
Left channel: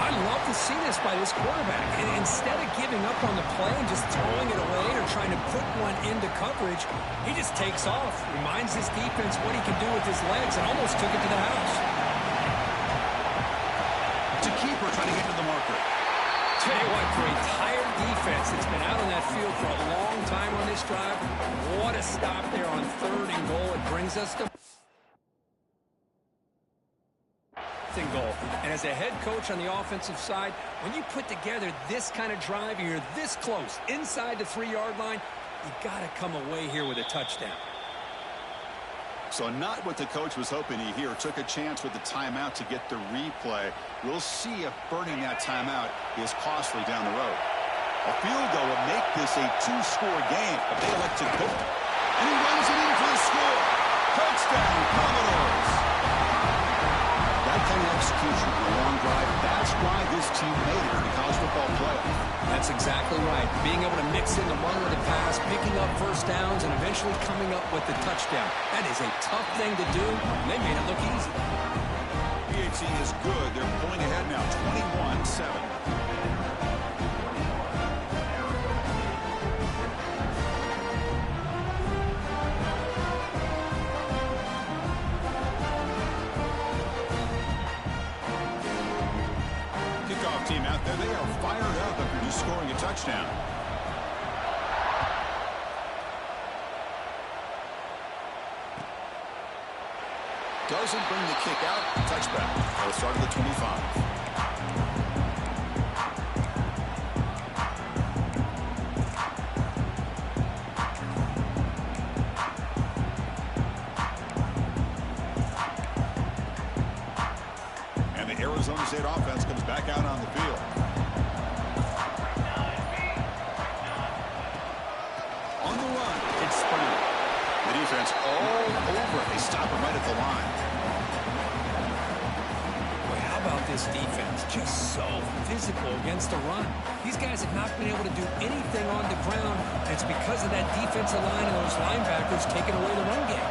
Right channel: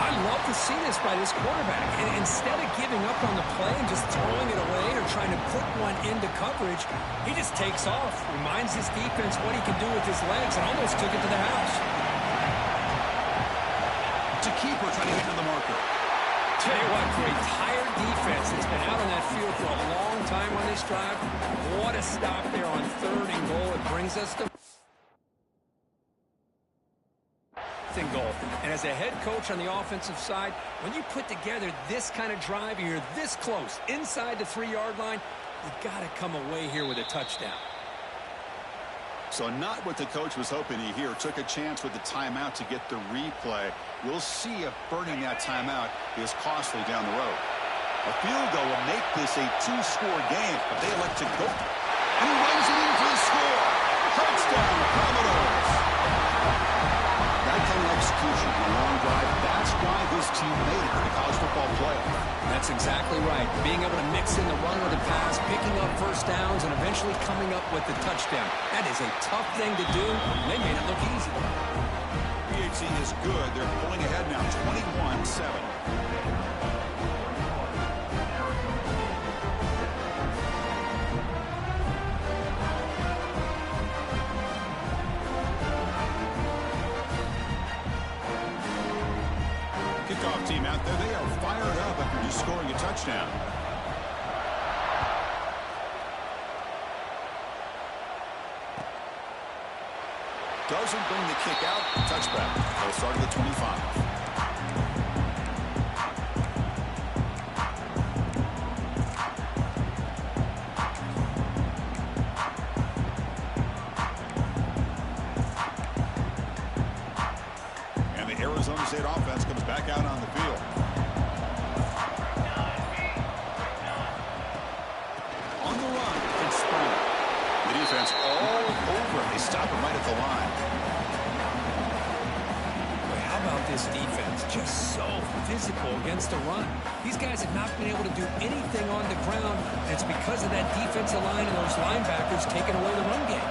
I love to see this by this quarterback. And instead of giving up on the play and just throwing it away or trying to put one into coverage, he just takes off, reminds his defense what he can do with his legs, and almost took it to the house. It's a keeper trying to get to the marker. Tell you what, for a tired defense that's been out on that field for a long time on this drive, what a stop there on 3rd and goal. It brings us to goal. And as a head coach on the offensive side, when you put together this kind of drive, you're this close inside the 3-yard line, you got to come away here with a touchdown. So not what the coach was hoping to hear. Took a chance with the timeout to get the replay. We'll see if burning that timeout is costly down the road. A field goal will make this a 2-score game, but they elect to go. And he runs it in for the score. Touchdown, Commodores. That kind of execution on a long drive, that's why this team made it to the college football playoff. That's exactly right. Being able to mix in the run with the pass, picking up 1st downs, and eventually coming up with the touchdown. That is a tough thing to do. They made it look easy. PHC is good. They're pulling ahead now, 21-7. Kickoff team out there. They are fired up after just scoring a touchdown. Doesn't bring the kick out. Touchback. They'll start at the 25. Arizona State offense comes back out on the field. On the run, it's Brown. The defense all over it. They stop him right at the line. Boy, how about this defense? Just so physical against the run. These guys have not been able to do anything on the ground, and it's because of that defensive line and those linebackers taking away the run game.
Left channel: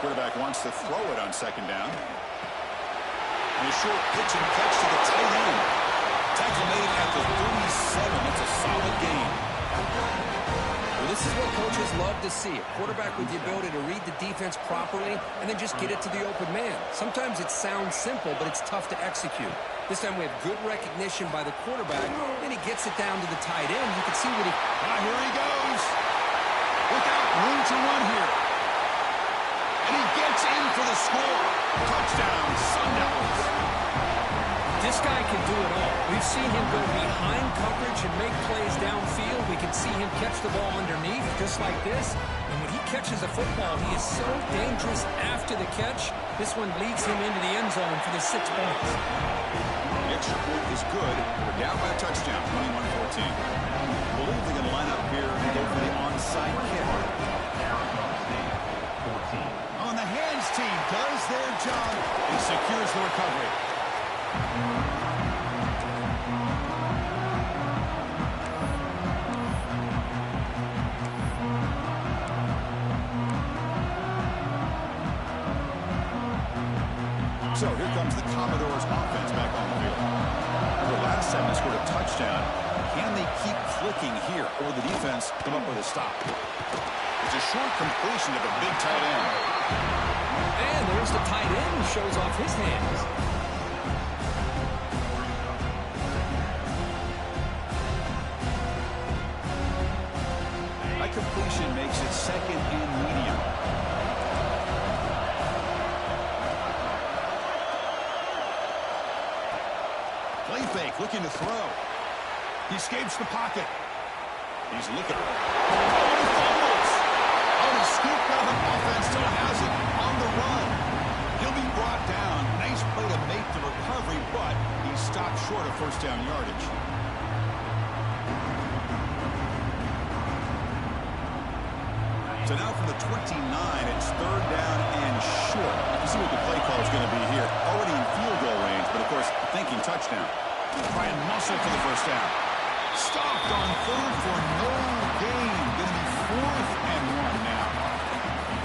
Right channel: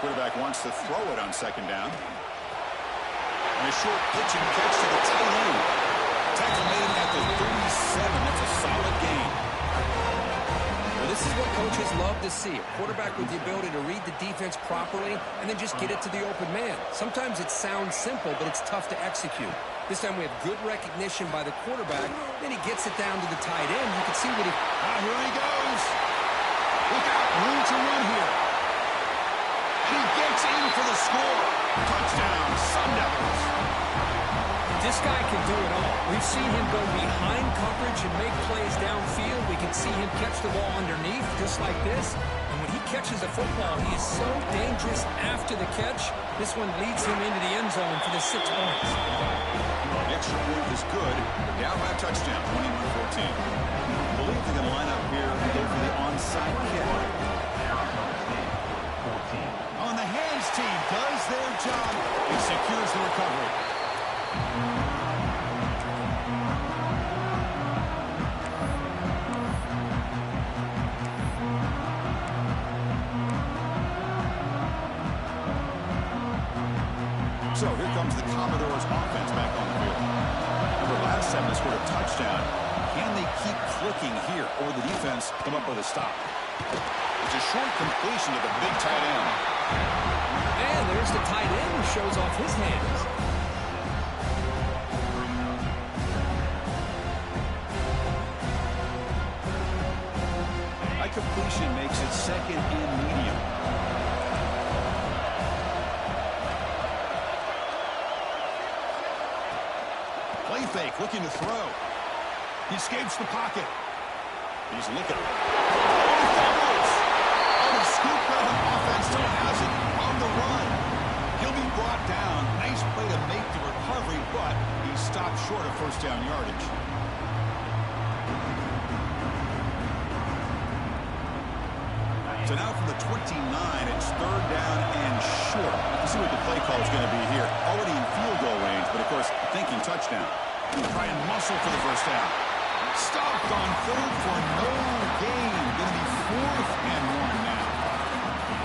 Quarterback wants to throw it on 2nd down. And a short pitch and catch to the tight end. Tackle made at the 37. That's a solid gain. Well, this is what coaches love to see. A quarterback with the ability to read the defense properly and then just get it to the open man. Sometimes it sounds simple, but it's tough to execute. This time we have good recognition by the quarterback. Then he gets it down to the tight end. You can see what he... Here he goes. Look out. Room to run here. And he gets in for the score. Touchdown, Sun Devils. This guy can do it all. We've seen him go behind coverage and make plays downfield. We can see him catch the ball underneath, just like this. And when he catches a football, he is so dangerous after the catch. This one leads him into the end zone for the 6 points. The extra point is good. They're down by a touchdown, 21-14. I believe they're going to line up here and go for the onside kick. On the hands team does their job. It secures the recovery. So here comes the Commodores offense back on the field. Remember, last time they scored a touchdown. Can they keep clicking here, or the defense come up with a stop? It's a short completion to the big tight end. And there's the tight end who shows off his hands. That completion makes it 2nd and medium. Play fake, looking to throw. He escapes the pocket. He's looking. Oh, and he fumbles. Oh, the scoop offense still has it on the run. He'll be brought down. Nice play to make the recovery, but he stopped short of first down yardage. So now from the 29, it's 3rd down and short. Let's see what the play call is going to be here. Already in field goal range, but of course, thinking touchdown. Try and muscle for the first down. Stopped on 3rd for no gain. Going to be 4th and 1 now.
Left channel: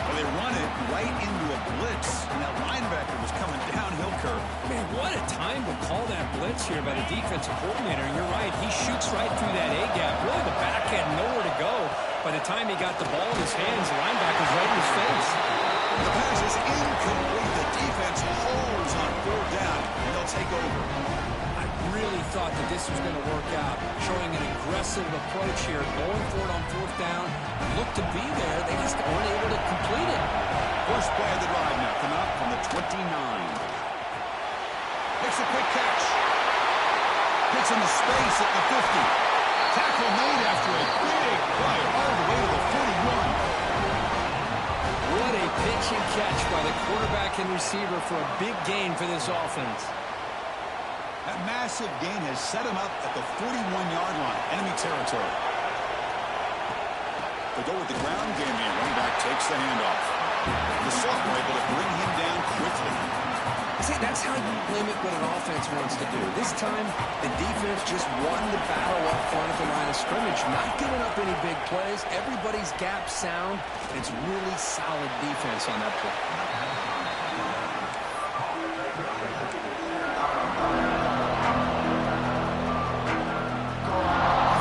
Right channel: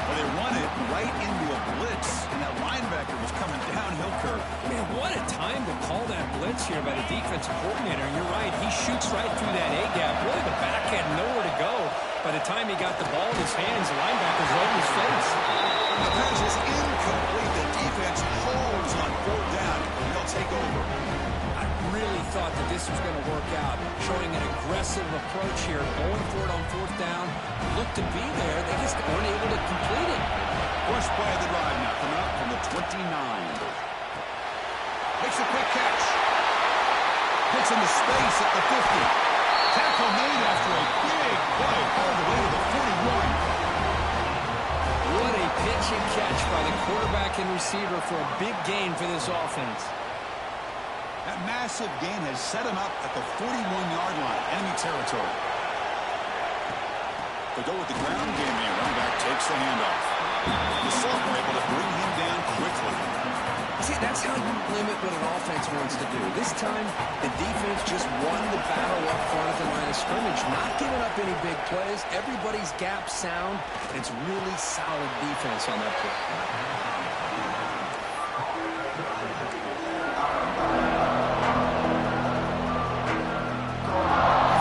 Well, they run it right into a blitz, and that linebacker was coming downhill curve. Man, what a time to call that blitz here by the defensive coordinator. And you're right, he shoots right through that A-gap. Really, the back had nowhere to go. By the time he got the ball in his hands, the linebacker's right in his face. The pass is incomplete. The defense holds on 4th down, and they'll take over. I really thought that this was going to work out, showing an aggressive approach here, going for it on 4th down. Looked to be there. They just weren't able to complete it. First play of the drive now, coming up from the 29. Makes a quick catch. Gets into space at the 50. Tackle made after a big play all the way to the 41. What a pitch and catch by the quarterback and receiver for a big gain for this offense. That massive gain has set him up at the 41-yard line, enemy territory. They go with the ground game here. Running back takes the handoff. The sophomore able to bring him down quickly. See, that's how you limit what an offense wants to do. This time, the defense just won the battle up front at the line of scrimmage, not giving up any big plays. Everybody's gap sound. It's really solid defense on that play.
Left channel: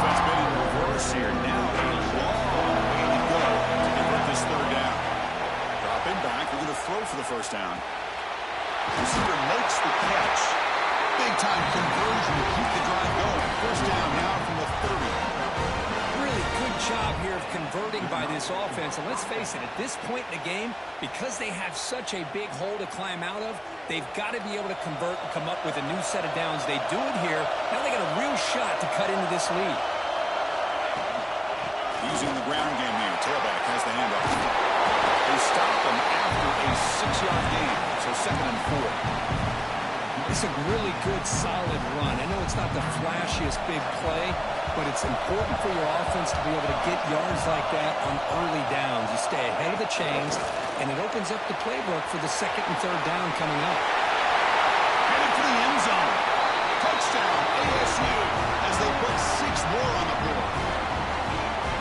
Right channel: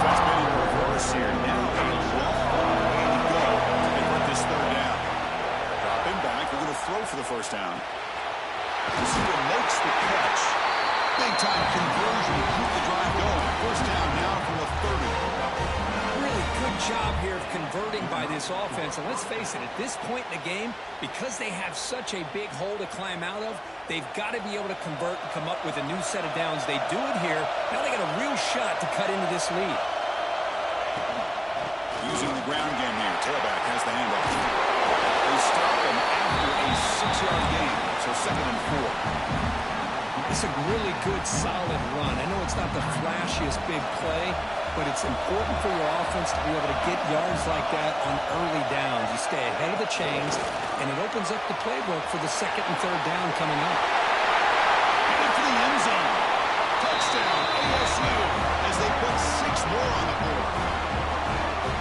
Defense been in reverse here. Now a long way to go to convert this 3rd down. Drop him back. We're going to throw for the first down. Receiver makes the catch. Big-time conversion to keep the drive going. First down now from the 30. Really good job here of converting by this offense. And let's face it, at this point in the game, because they have such a big hole to climb out of, they've got to be able to convert and come up with a new set of downs. They do it here. Now they got a real shot to cut into this lead. Using the ground game here. Tailback has the handoff. They stop him after a 6-yard gain, so 2nd and 4. It's a really good, solid run. I know it's not the flashiest big play, but it's important for your offense to be able to get yards like that on early downs. You stay ahead of the chains, and it opens up the playbook for the 2nd and 3rd down coming up. Headed for the end zone. Touchdown, ASU, as they put 6 more on the board.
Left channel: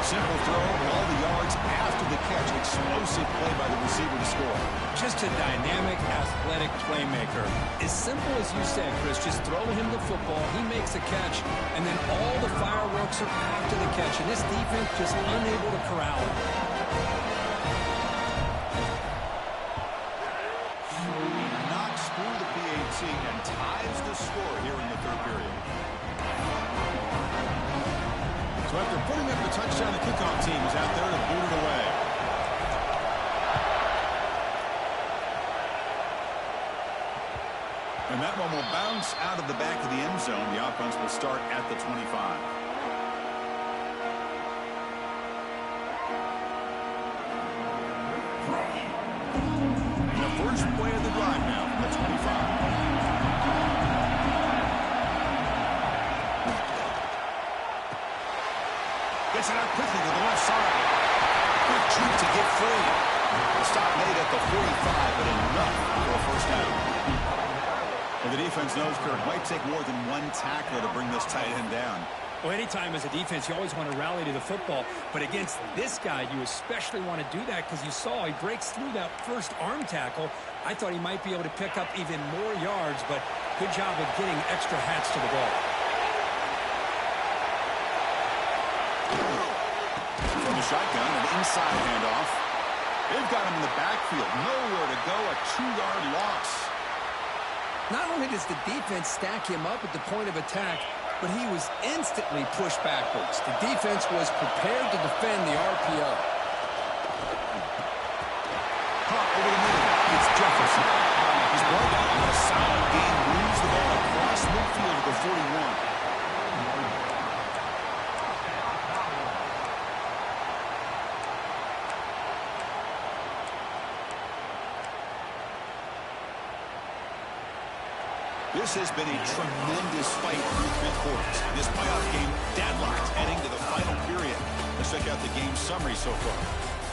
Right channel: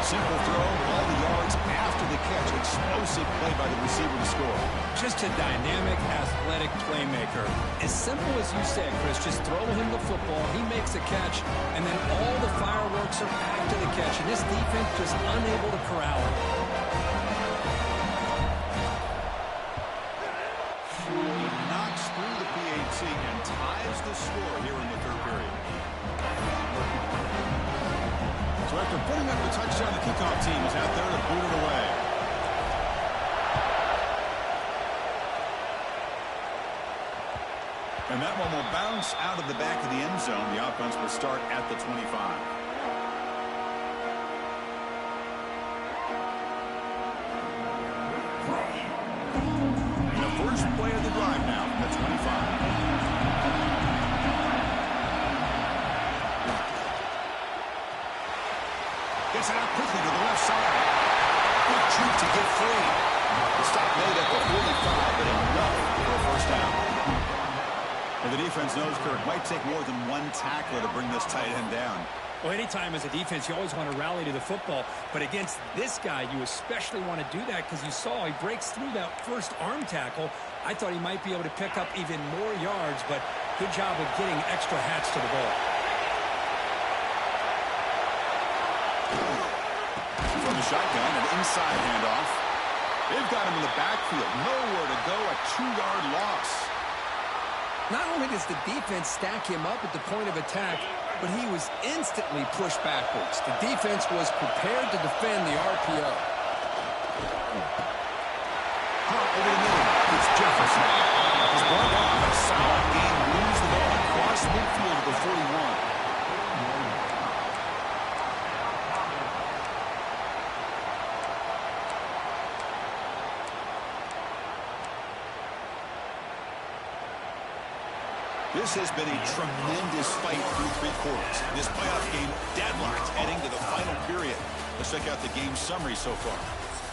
Simple throw, all the yards after the catch. Explosive play by the receiver to score. Just a dynamic, athletic playmaker. As simple as you said, Chris, just throw him the football, he makes a catch, and then all the fireworks are after the catch, and this defense just unable to corral him. He knocks through the PAT and ties the score here in the 3rd period. So after putting up the touchdown, the kickoff team is out there to boot it away. And that one will bounce out of the back of the end zone. The offense will start at the 25. And the first play of the drive now from the 25. Gets it out quickly to the left side. Quick juke to get free. The stop made at the 45, but enough for a first down. And the defense knows, Kirk, it might take more than one tackler to bring this tight end down. Well, anytime as a defense, you always want to rally to the football. But against this guy, you especially want to do that because you saw he breaks through that first arm tackle. I thought he might be able to pick up even more yards, but good job of getting extra hats to the ball. From the shotgun, an inside handoff. They've got him in the backfield. Nowhere to go, a 2-yard loss. Not only does the defense stack him up at the point of attack, but he was instantly pushed backwards. The defense was prepared to defend the RPO. Caught over the middle. It's Jefferson. He's brought down a solid gain. Moves the ball across midfield to the 41. This has been a tremendous fight through 3 quarters. This playoff game deadlocked heading to the final period. Let's check out the game summary so far.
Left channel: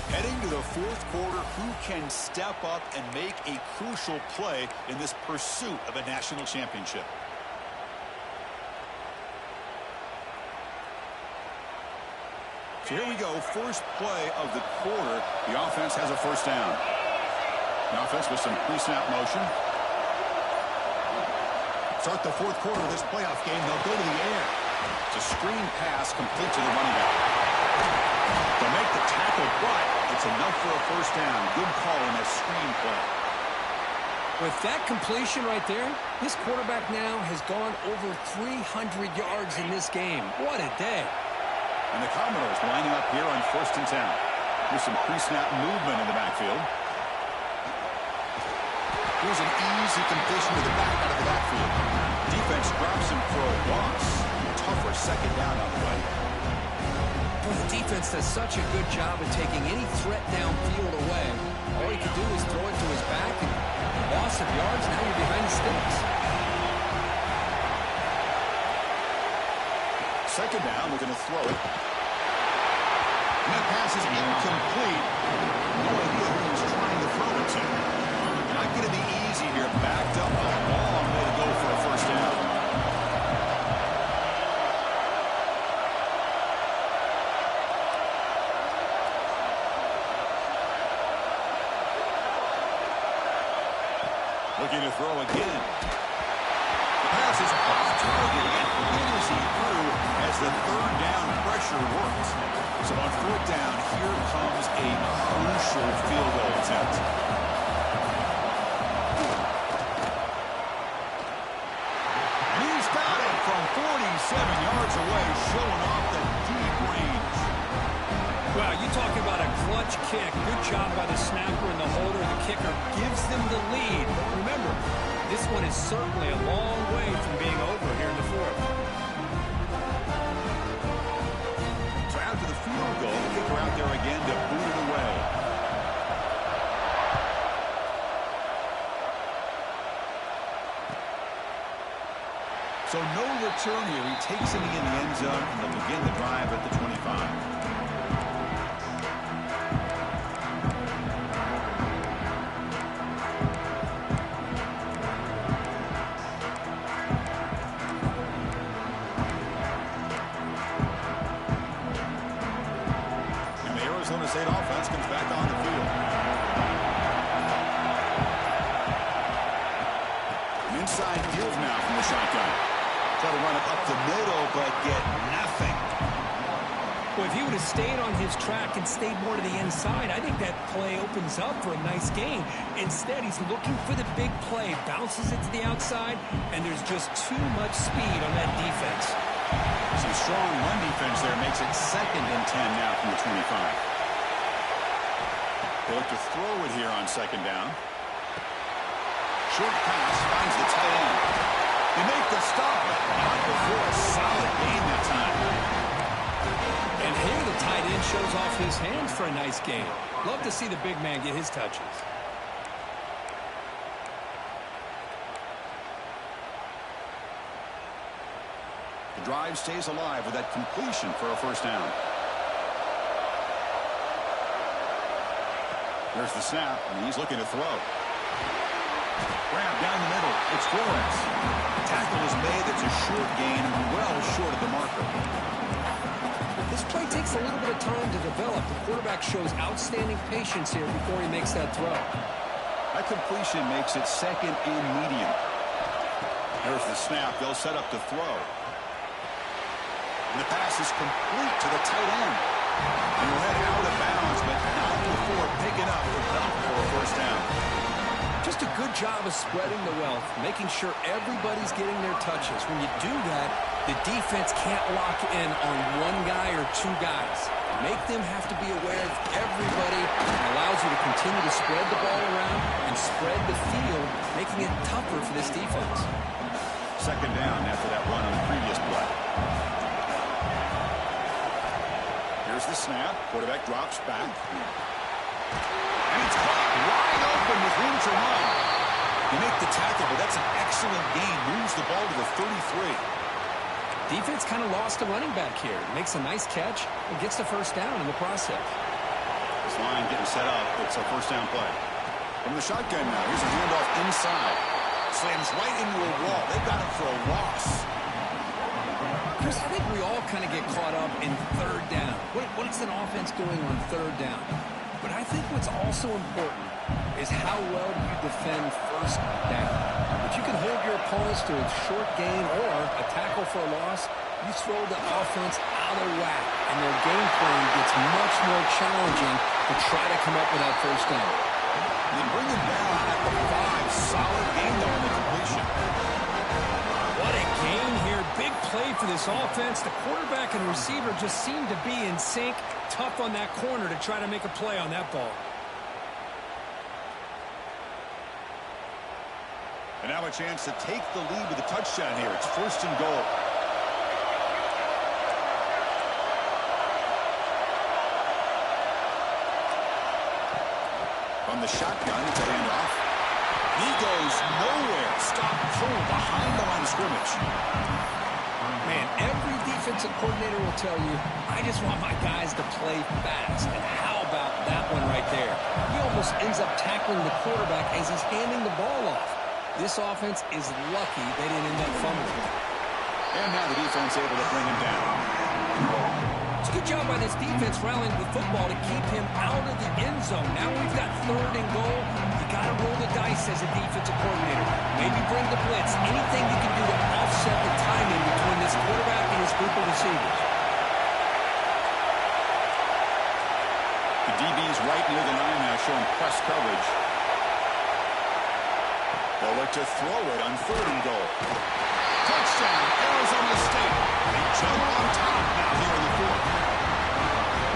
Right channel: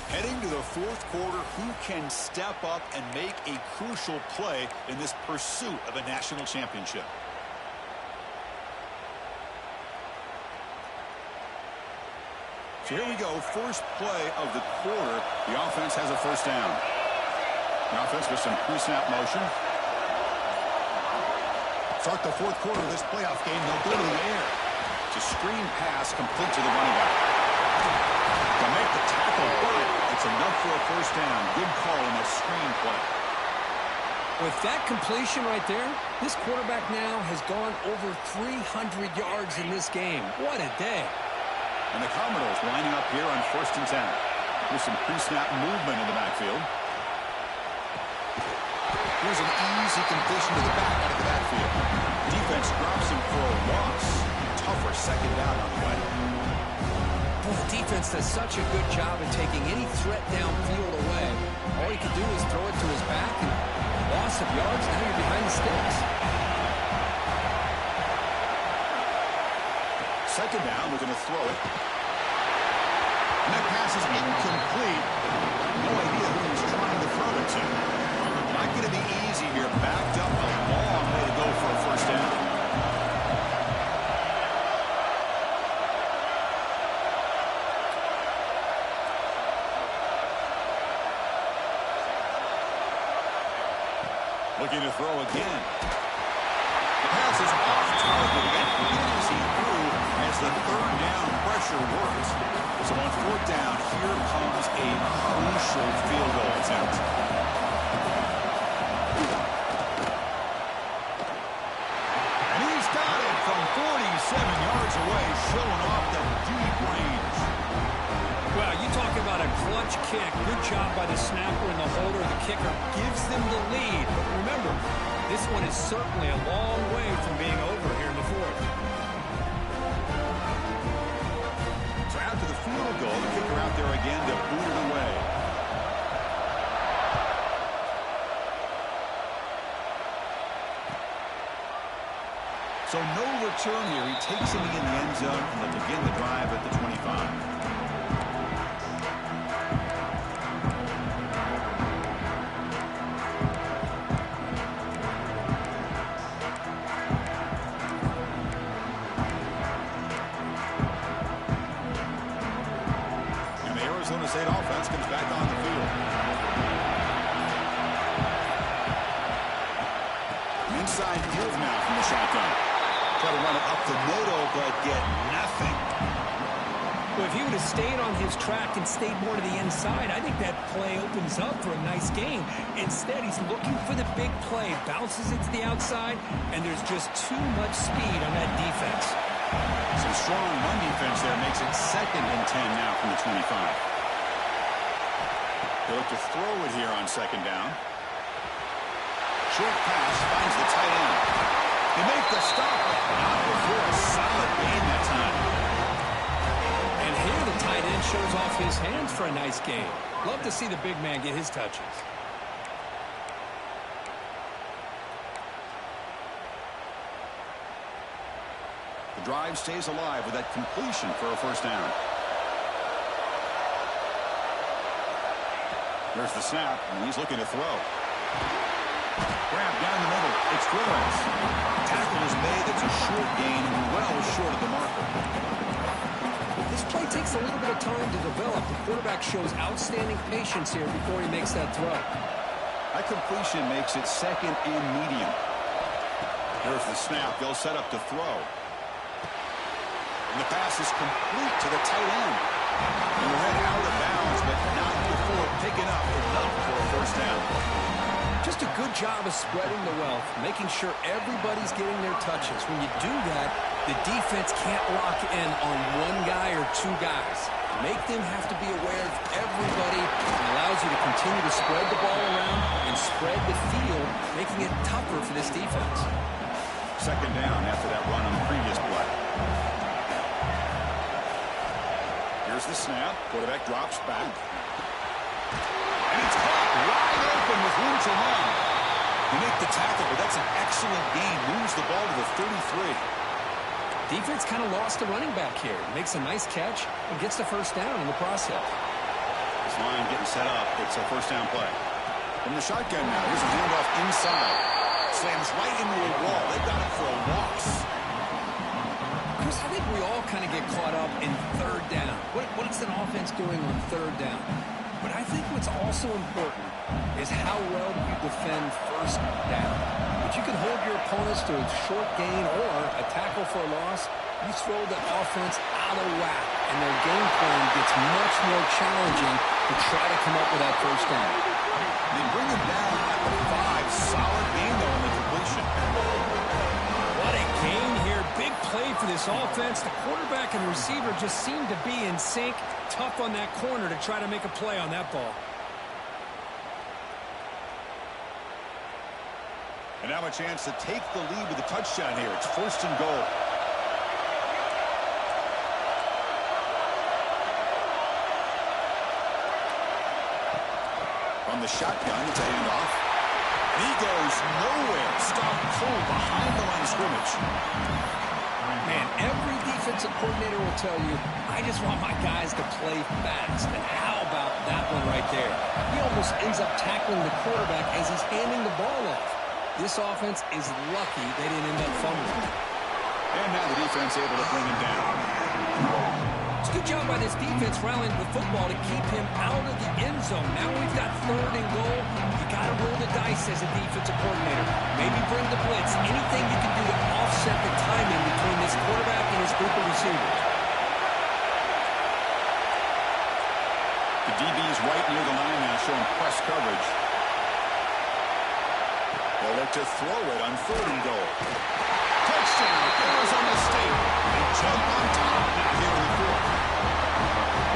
Heading to the 4th quarter, who can step up and make a crucial play in this pursuit of a national championship? So here we go, first play of the quarter. The offense has a first down. The offense with some pre-snap motion. Start the 4th quarter of this playoff game. They'll go to the air. It's a screen pass complete to the running back. They'll make the tackle, but it's enough for a first down. Good call in that screen play. With that completion right there, this quarterback now has gone over 300 yards in this game. What a day. And the Commodores lining up here on 1st and 10. Here's some pre-snap movement in the backfield. Here's an easy completion to the back out of the backfield. Defense drops him for a loss. Tougher second down on the way. Boy, the defense does such a good job of taking any threat downfield away. All he could do is throw it to his back, and loss of yards, now you're behind the sticks. Second down, we're going to throw it. And that pass is incomplete. No idea who he's trying to throw it to. Not going to be easy here. Backed up a long way to go for a first down. Looking to throw again. The pass is off target. He got hit as he threw as the 3rd down pressure works. So on 4th down, here comes a crucial field goal attempt. From 47 yards away, showing off the deep range. Well, you talk about a clutch kick. Good job by the snapper and the holder. The kicker gives them the lead. But remember, this one is certainly a long way from being over here in the 4th. So after the field goal, the kicker out there again to boot it away. So no return here. He takes it in the end zone, and they'll begin the drive at the 25. And the Arizona State offense comes back on the field. Inside give now from the shotgun. Try to run it up the middle, but get nothing. Well, if he would have stayed on his track and stayed more to the inside, I think that play opens up for a nice game. Instead, he's looking for the big play, bounces it to the outside, and there's just too much speed on that defense. Some strong run defense there makes it 2nd and 10 now from the 25. They look to throw it here on 2nd down. Short pass finds the tight end. They make the stop, but not before a solid gain that time. And here the tight end shows off his hands for a nice gain. Love to see the big man get his touches. The drive stays alive with that completion for a first down. There's the snap, and he's looking to throw. Grab down the middle. It's Flores. Tackle is made. That's a short gain, well short of the marker. This play takes a little bit of time to develop. The quarterback shows outstanding patience here before he makes that throw. That completion makes it second and medium. There's the snap. They'll set up to throw. And the pass is complete to the tight end. And we'll head out of bounds, but not before picking up enough for a first down. Just a good job of spreading the wealth, making sure everybody's getting their touches. When you do that, the defense can't lock in on one guy or two guys. Make them have to be aware of everybody. It allows you to continue to spread the ball around and spread the field, making it tougher for this defense. Second down after that run on the previous play. Here's the snap. Quarterback drops back. And it's caught wide open with room to run. They make the tackle, but that's an excellent gain. Moves the ball to the 33. Defense kind of lost the running back here. Makes a nice catch and gets the first down in the process. This line getting set up. It's a first down play. From the shotgun now. Here's a handoff inside. Slams right into a wall. They've got him for a loss. Chris, I think we all kind of get caught up in third down. What's an offense doing on third down? But I think what's also important is how well do you defend first down. If you can hold your opponents to a short gain or a tackle for a loss, you throw the offense out of whack, and their game plan gets much more challenging to try to come up with that first down. They bring him down at the 5. Solid gain, though, in the completion. What a gain here. Big play for this offense. The quarterback and receiver just seem to be in sync. Tough on that corner to try to make a play on that ball. And now a chance to take the lead with a touchdown here. It's first and goal. From the shotgun, it's a handoff. And he goes nowhere. Stop cold behind the line of scrimmage. Man, every defensive coordinator will tell you, I just want my guys to play fast. And how about that one right there? He almost ends up tackling the quarterback as he's handing the ball off. This offense is lucky they didn't end up fumbling. And now the defense able to bring him down. It's a good job by this defense rallying the football to keep him out of the end zone. Now we've got third and goal. You got to roll the dice as a defensive coordinator. Maybe bring the blitz. Anything you can do to offset the timing between this quarterback and his group of receivers. The DB's right near the line now showing press coverage. They'll look to throw it on third and goal. Touchdown, Arizona State. They jump on top now here in the fourth.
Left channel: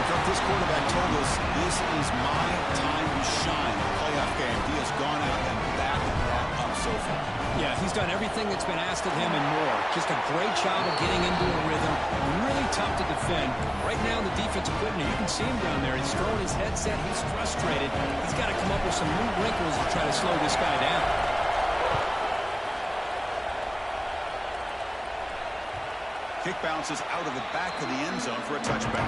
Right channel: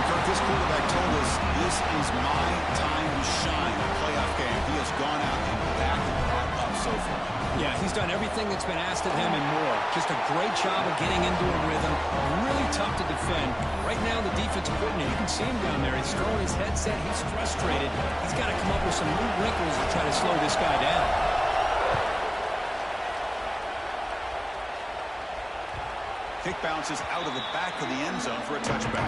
Kirk, this quarterback told us this is my time to shine, a playoff game. He has gone out and backed that up so far. Yeah, he's done everything that's been asked of him and more. Just a great job of getting into a rhythm. Really tough to defend. Right now, the defensive coordinator, you can see him down there. He's throwing his headset. He's frustrated. He's got to come up with some new wrinkles to try to slow this guy down. Kick bounces out of the back of the end zone for a touchback.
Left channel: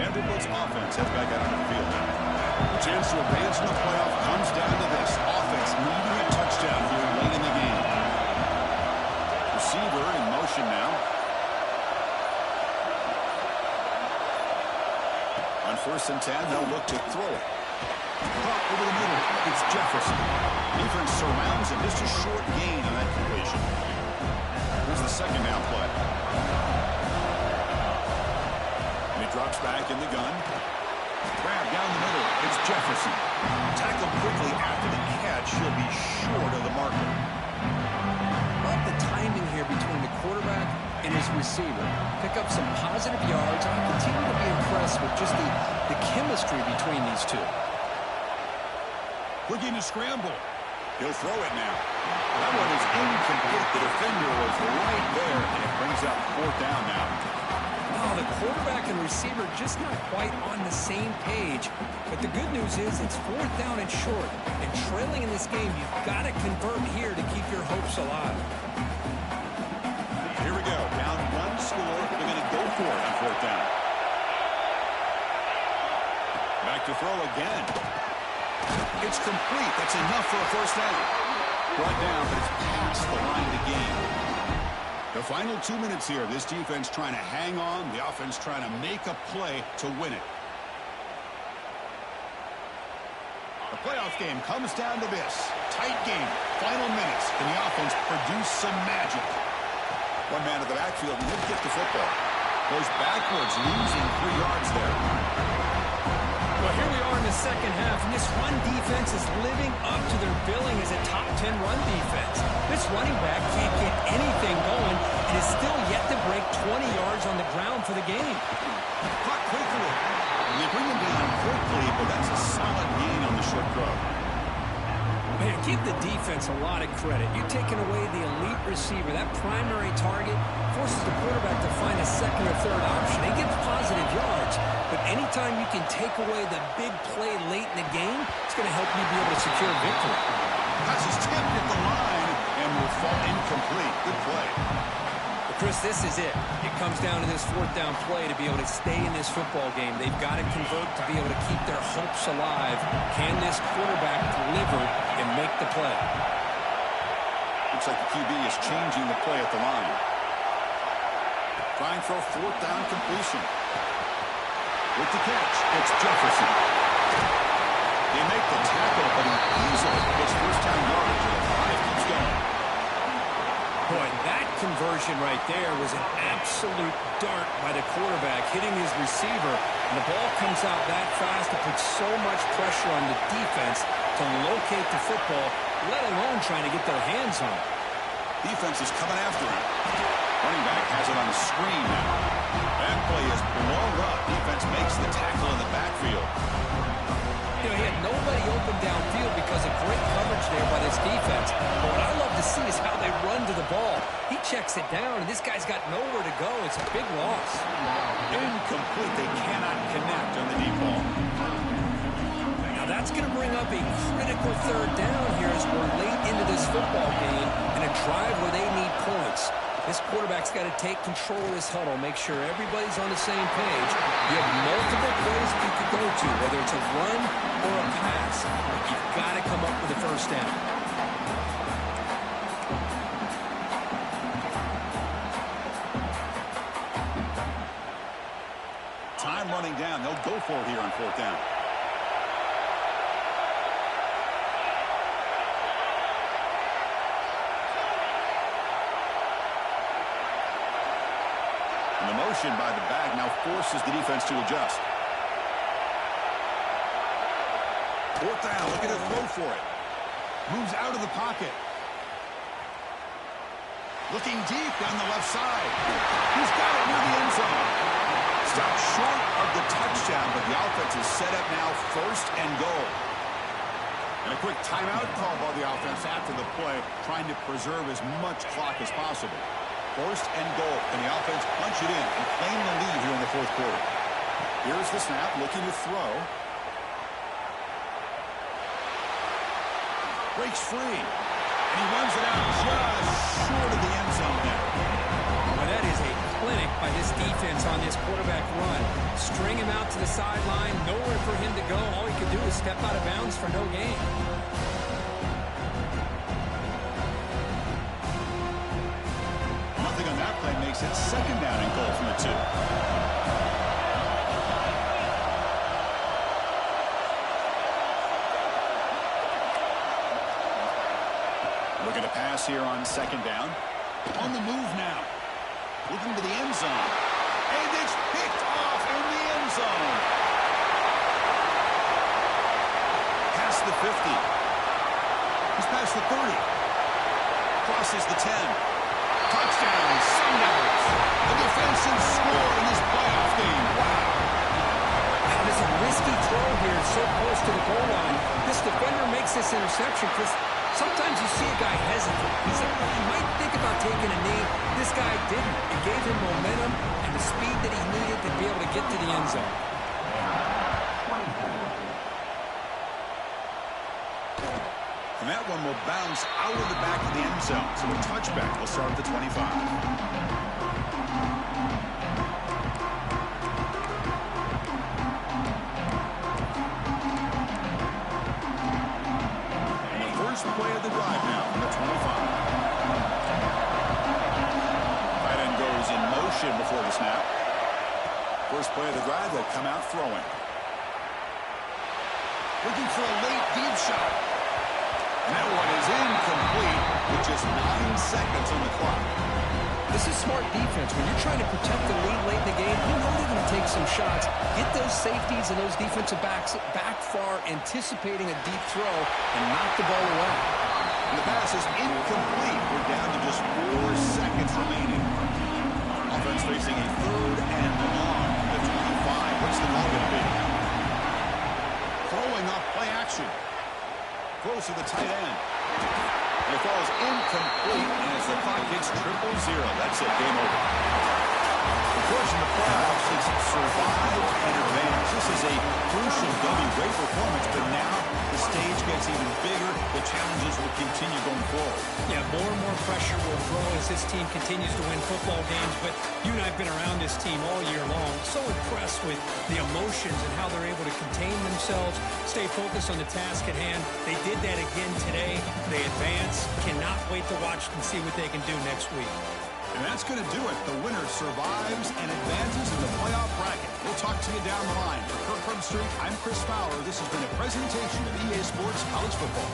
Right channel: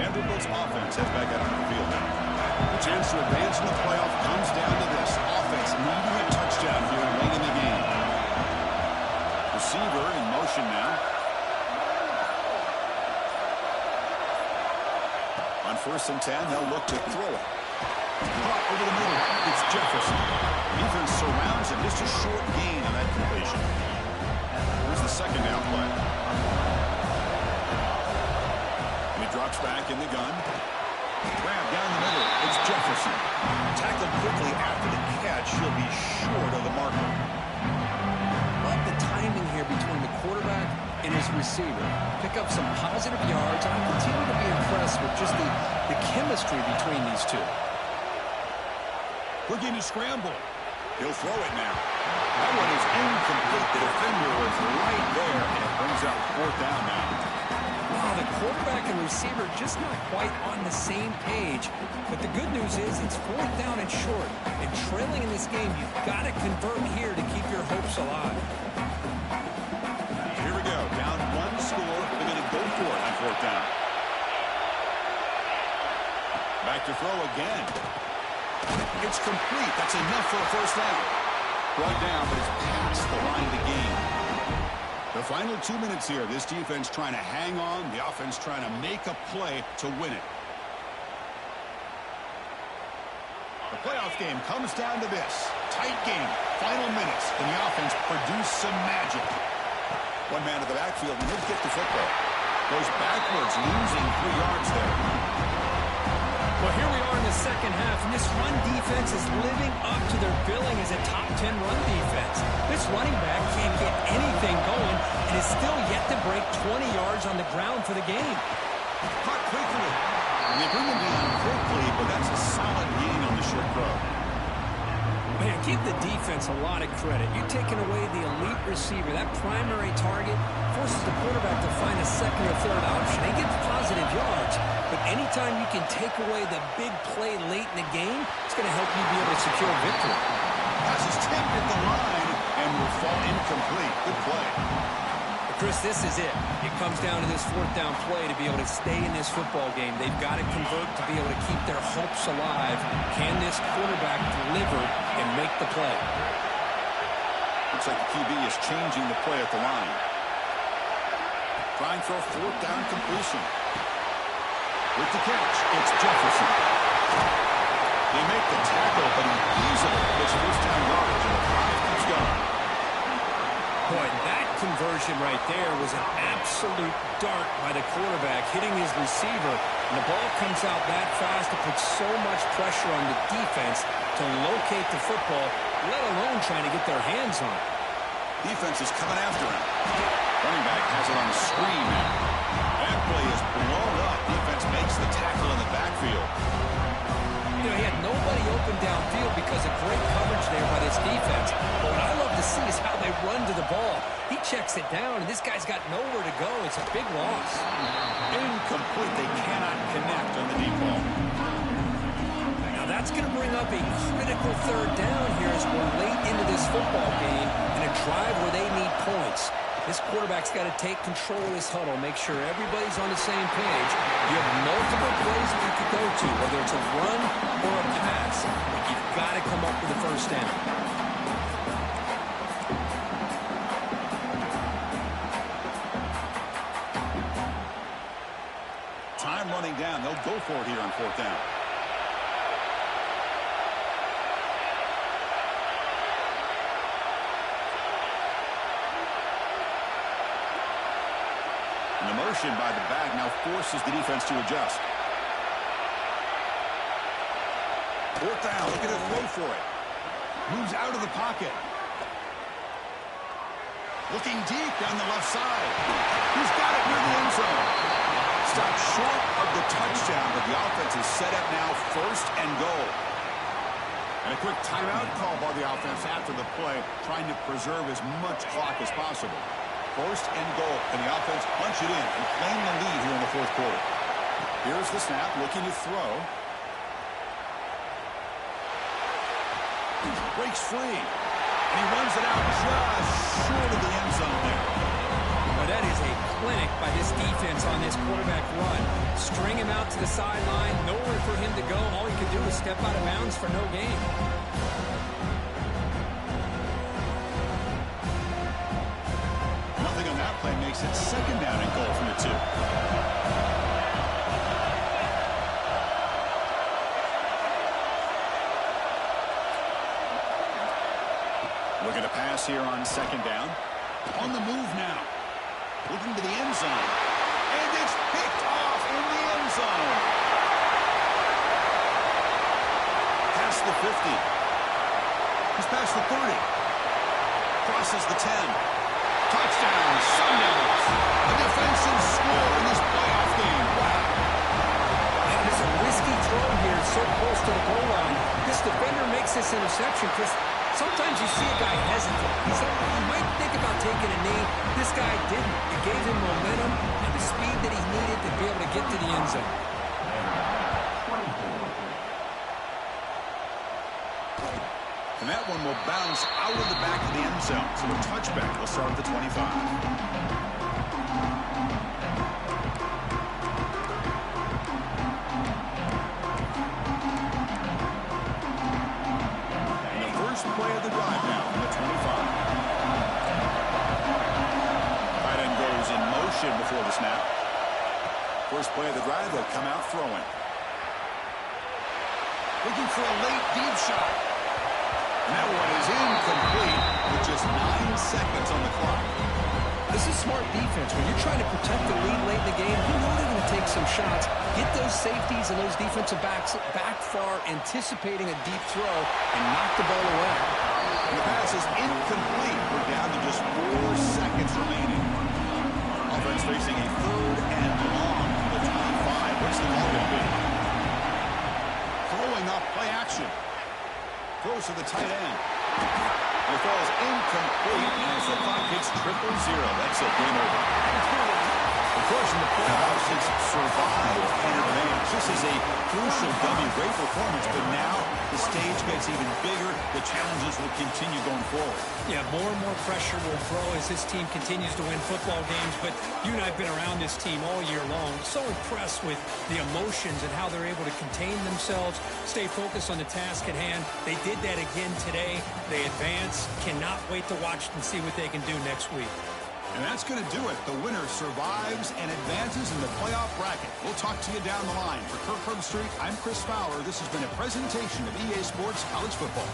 Vanderbilt's offense heads back out on the field now. The chance to advance in the playoff comes down to this. Offense needing a touchdown here late in the game. Receiver in motion now. On 1st and 10, they'll look to throw it. Caught over the middle. It's Jefferson. Defense surrounds him. Just a short gain on that completion. Here's the second down play. And he drops back in the gun. Grab down the middle. It's Jefferson. Tackled quickly after the catch. He'll be short of the marker. Love the timing here between the quarterback and his receiver. Pick up some positive yards, and I continue to be impressed with just the chemistry between these two. Looking to scramble. He'll throw it now. That one is incomplete. The defender was right there, and it brings up 4th down now. Wow, the quarterback and receiver just not quite on the same page. But the good news is it's 4th down and short. And trailing in this game, you've got to convert here to keep your hopes alive. Here we go. Down 1 score. They're going to go for it on 4th down. Back to throw again. It's complete. That's enough for a 1st down. Brought down, but it's past the line to gain. The final 2 minutes here. This defense trying to hang on. The offense trying to make a play to win it. The playoff game comes down to this. Tight game. Final minutes. Can the offense produce some magic? One man at the backfield, and he'll get the football. Goes backwards, losing 3 yards there. Well, here we are in the second half, and this run defense is living up to their billing as a top 10 run defense. This running back can't get anything going and is still yet to break 20 yards on the ground for the game. Caught quickly. And they bring him down quickly, but that's a solid gain on the short throw. Man, give the defense a lot of credit. You're taking away the elite receiver. That primary target forces the quarterback to find a second or third option. He gets positive yards, but anytime you can take away the big play late in the game, it's going to help you be able to secure victory. Pass is tipped at the line and will fall incomplete. Good play. But Chris, this is it. It comes down to this 4th down play to be able to stay in this football game. They've got to convert to be able to keep their hopes alive. Can this quarterback deliver and make the play? Looks like the QB is changing the play at the line. Trying for a 4th down completion. With the catch, it's Jefferson. They make the tackle, but he easily gets 1st down yardage, and the drive keeps going. Boy, that conversion right there was an absolute dart by the quarterback, hitting his receiver, and the ball comes out that fast. It puts so much pressure on the defense to locate the football, let alone trying to get their hands on it. Defense is coming after him. Running back has it on the screen now. That play is blown up. Defense makes the tackle in the backfield. You know, he had nobody open downfield because of great coverage there by this defense. But what I love to see is how they run to the ball. He checks it down, and this guy's got nowhere to go. It's a big loss. Incomplete. They cannot connect on the deep ball. Now that's going to bring up a critical 3rd down here as we're late into this football game in a drive where they need points. This quarterback's got to take control of this huddle, make sure everybody's on the same page. You have multiple plays that you could go to, whether it's a run or a pass. But you've got to come up with a 1st down. Time running down. They'll go for it here on 4th down. And the motion by the back now forces the defense to adjust. 4th down, looking to throw for it. Moves out of the pocket. Looking deep down the left side. He's got it near the end zone. Stopped short of the touchdown, but the offense is set up now 1st and goal. And a quick timeout call by the offense after the play, trying to preserve as much clock as possible. 1st and goal. Can the offense punch it in and claim the lead here in the 4th quarter? Here's the snap, looking to throw. Breaks free. And he runs it out just short of the end zone there. Well, that is a clinic by this defense on this quarterback run. String him out to the sideline, nowhere for him to go. All he could do is step out of bounds for no gain. Nothing on that play makes it 2nd down and goal from the 2. Looking to pass here on 2nd down. On the move now. Looking to the end zone. And it's picked off in the end zone. Past the 50. He's past the 30. Crosses the 10. Touchdown, Sun Devils. A defensive score in this playoff game. Wow. That is a risky throw here, so close to the goal line. This defender makes this interception, Chris. Sometimes you see a guy hesitate. He might think about taking a knee. This guy didn't. It gave him momentum and the speed that he needed to be able to get to the end zone. And that one will bounce out of the back of the end zone. So a touchback will start at the 25. And the first play of the drive now from the 25. Tight end goes in motion before the snap. First play of the drive, they'll come out throwing. Looking for a late deep shot. And that one is incomplete with just 9 seconds on the clock. This is smart defense. When you're trying to protect the lead late in the game, you know they're going to take some shots. Get those safeties and those defensive backs back far, anticipating a deep throw, and knock the ball away. And the pass is incomplete. We're down to just 4 seconds remaining. Offense facing a 3rd and long from the 25. What's the call going to be? Throwing off play action. Throws to the tight end. And it falls incomplete as the clock hits 000. That's it. Game over. Of course, in the playoffs, it's survive and advance. This is a crucial W. Great performance, but now the stage gets even bigger. The challenges will continue going forward. Yeah, more and more pressure will grow as this team continues to win football games. But you and I have been around this team all year long. So impressed with the emotions and how they're able to contain themselves, stay focused on the task at hand. They did that again today. They advance. Cannot wait to watch and see what they can do next week. And that's going to do it. The winner survives and advances in the playoff bracket. We'll talk to you down the line. For Kirk Herbstreit, I'm Chris Fowler. This has been a presentation of EA Sports College Football.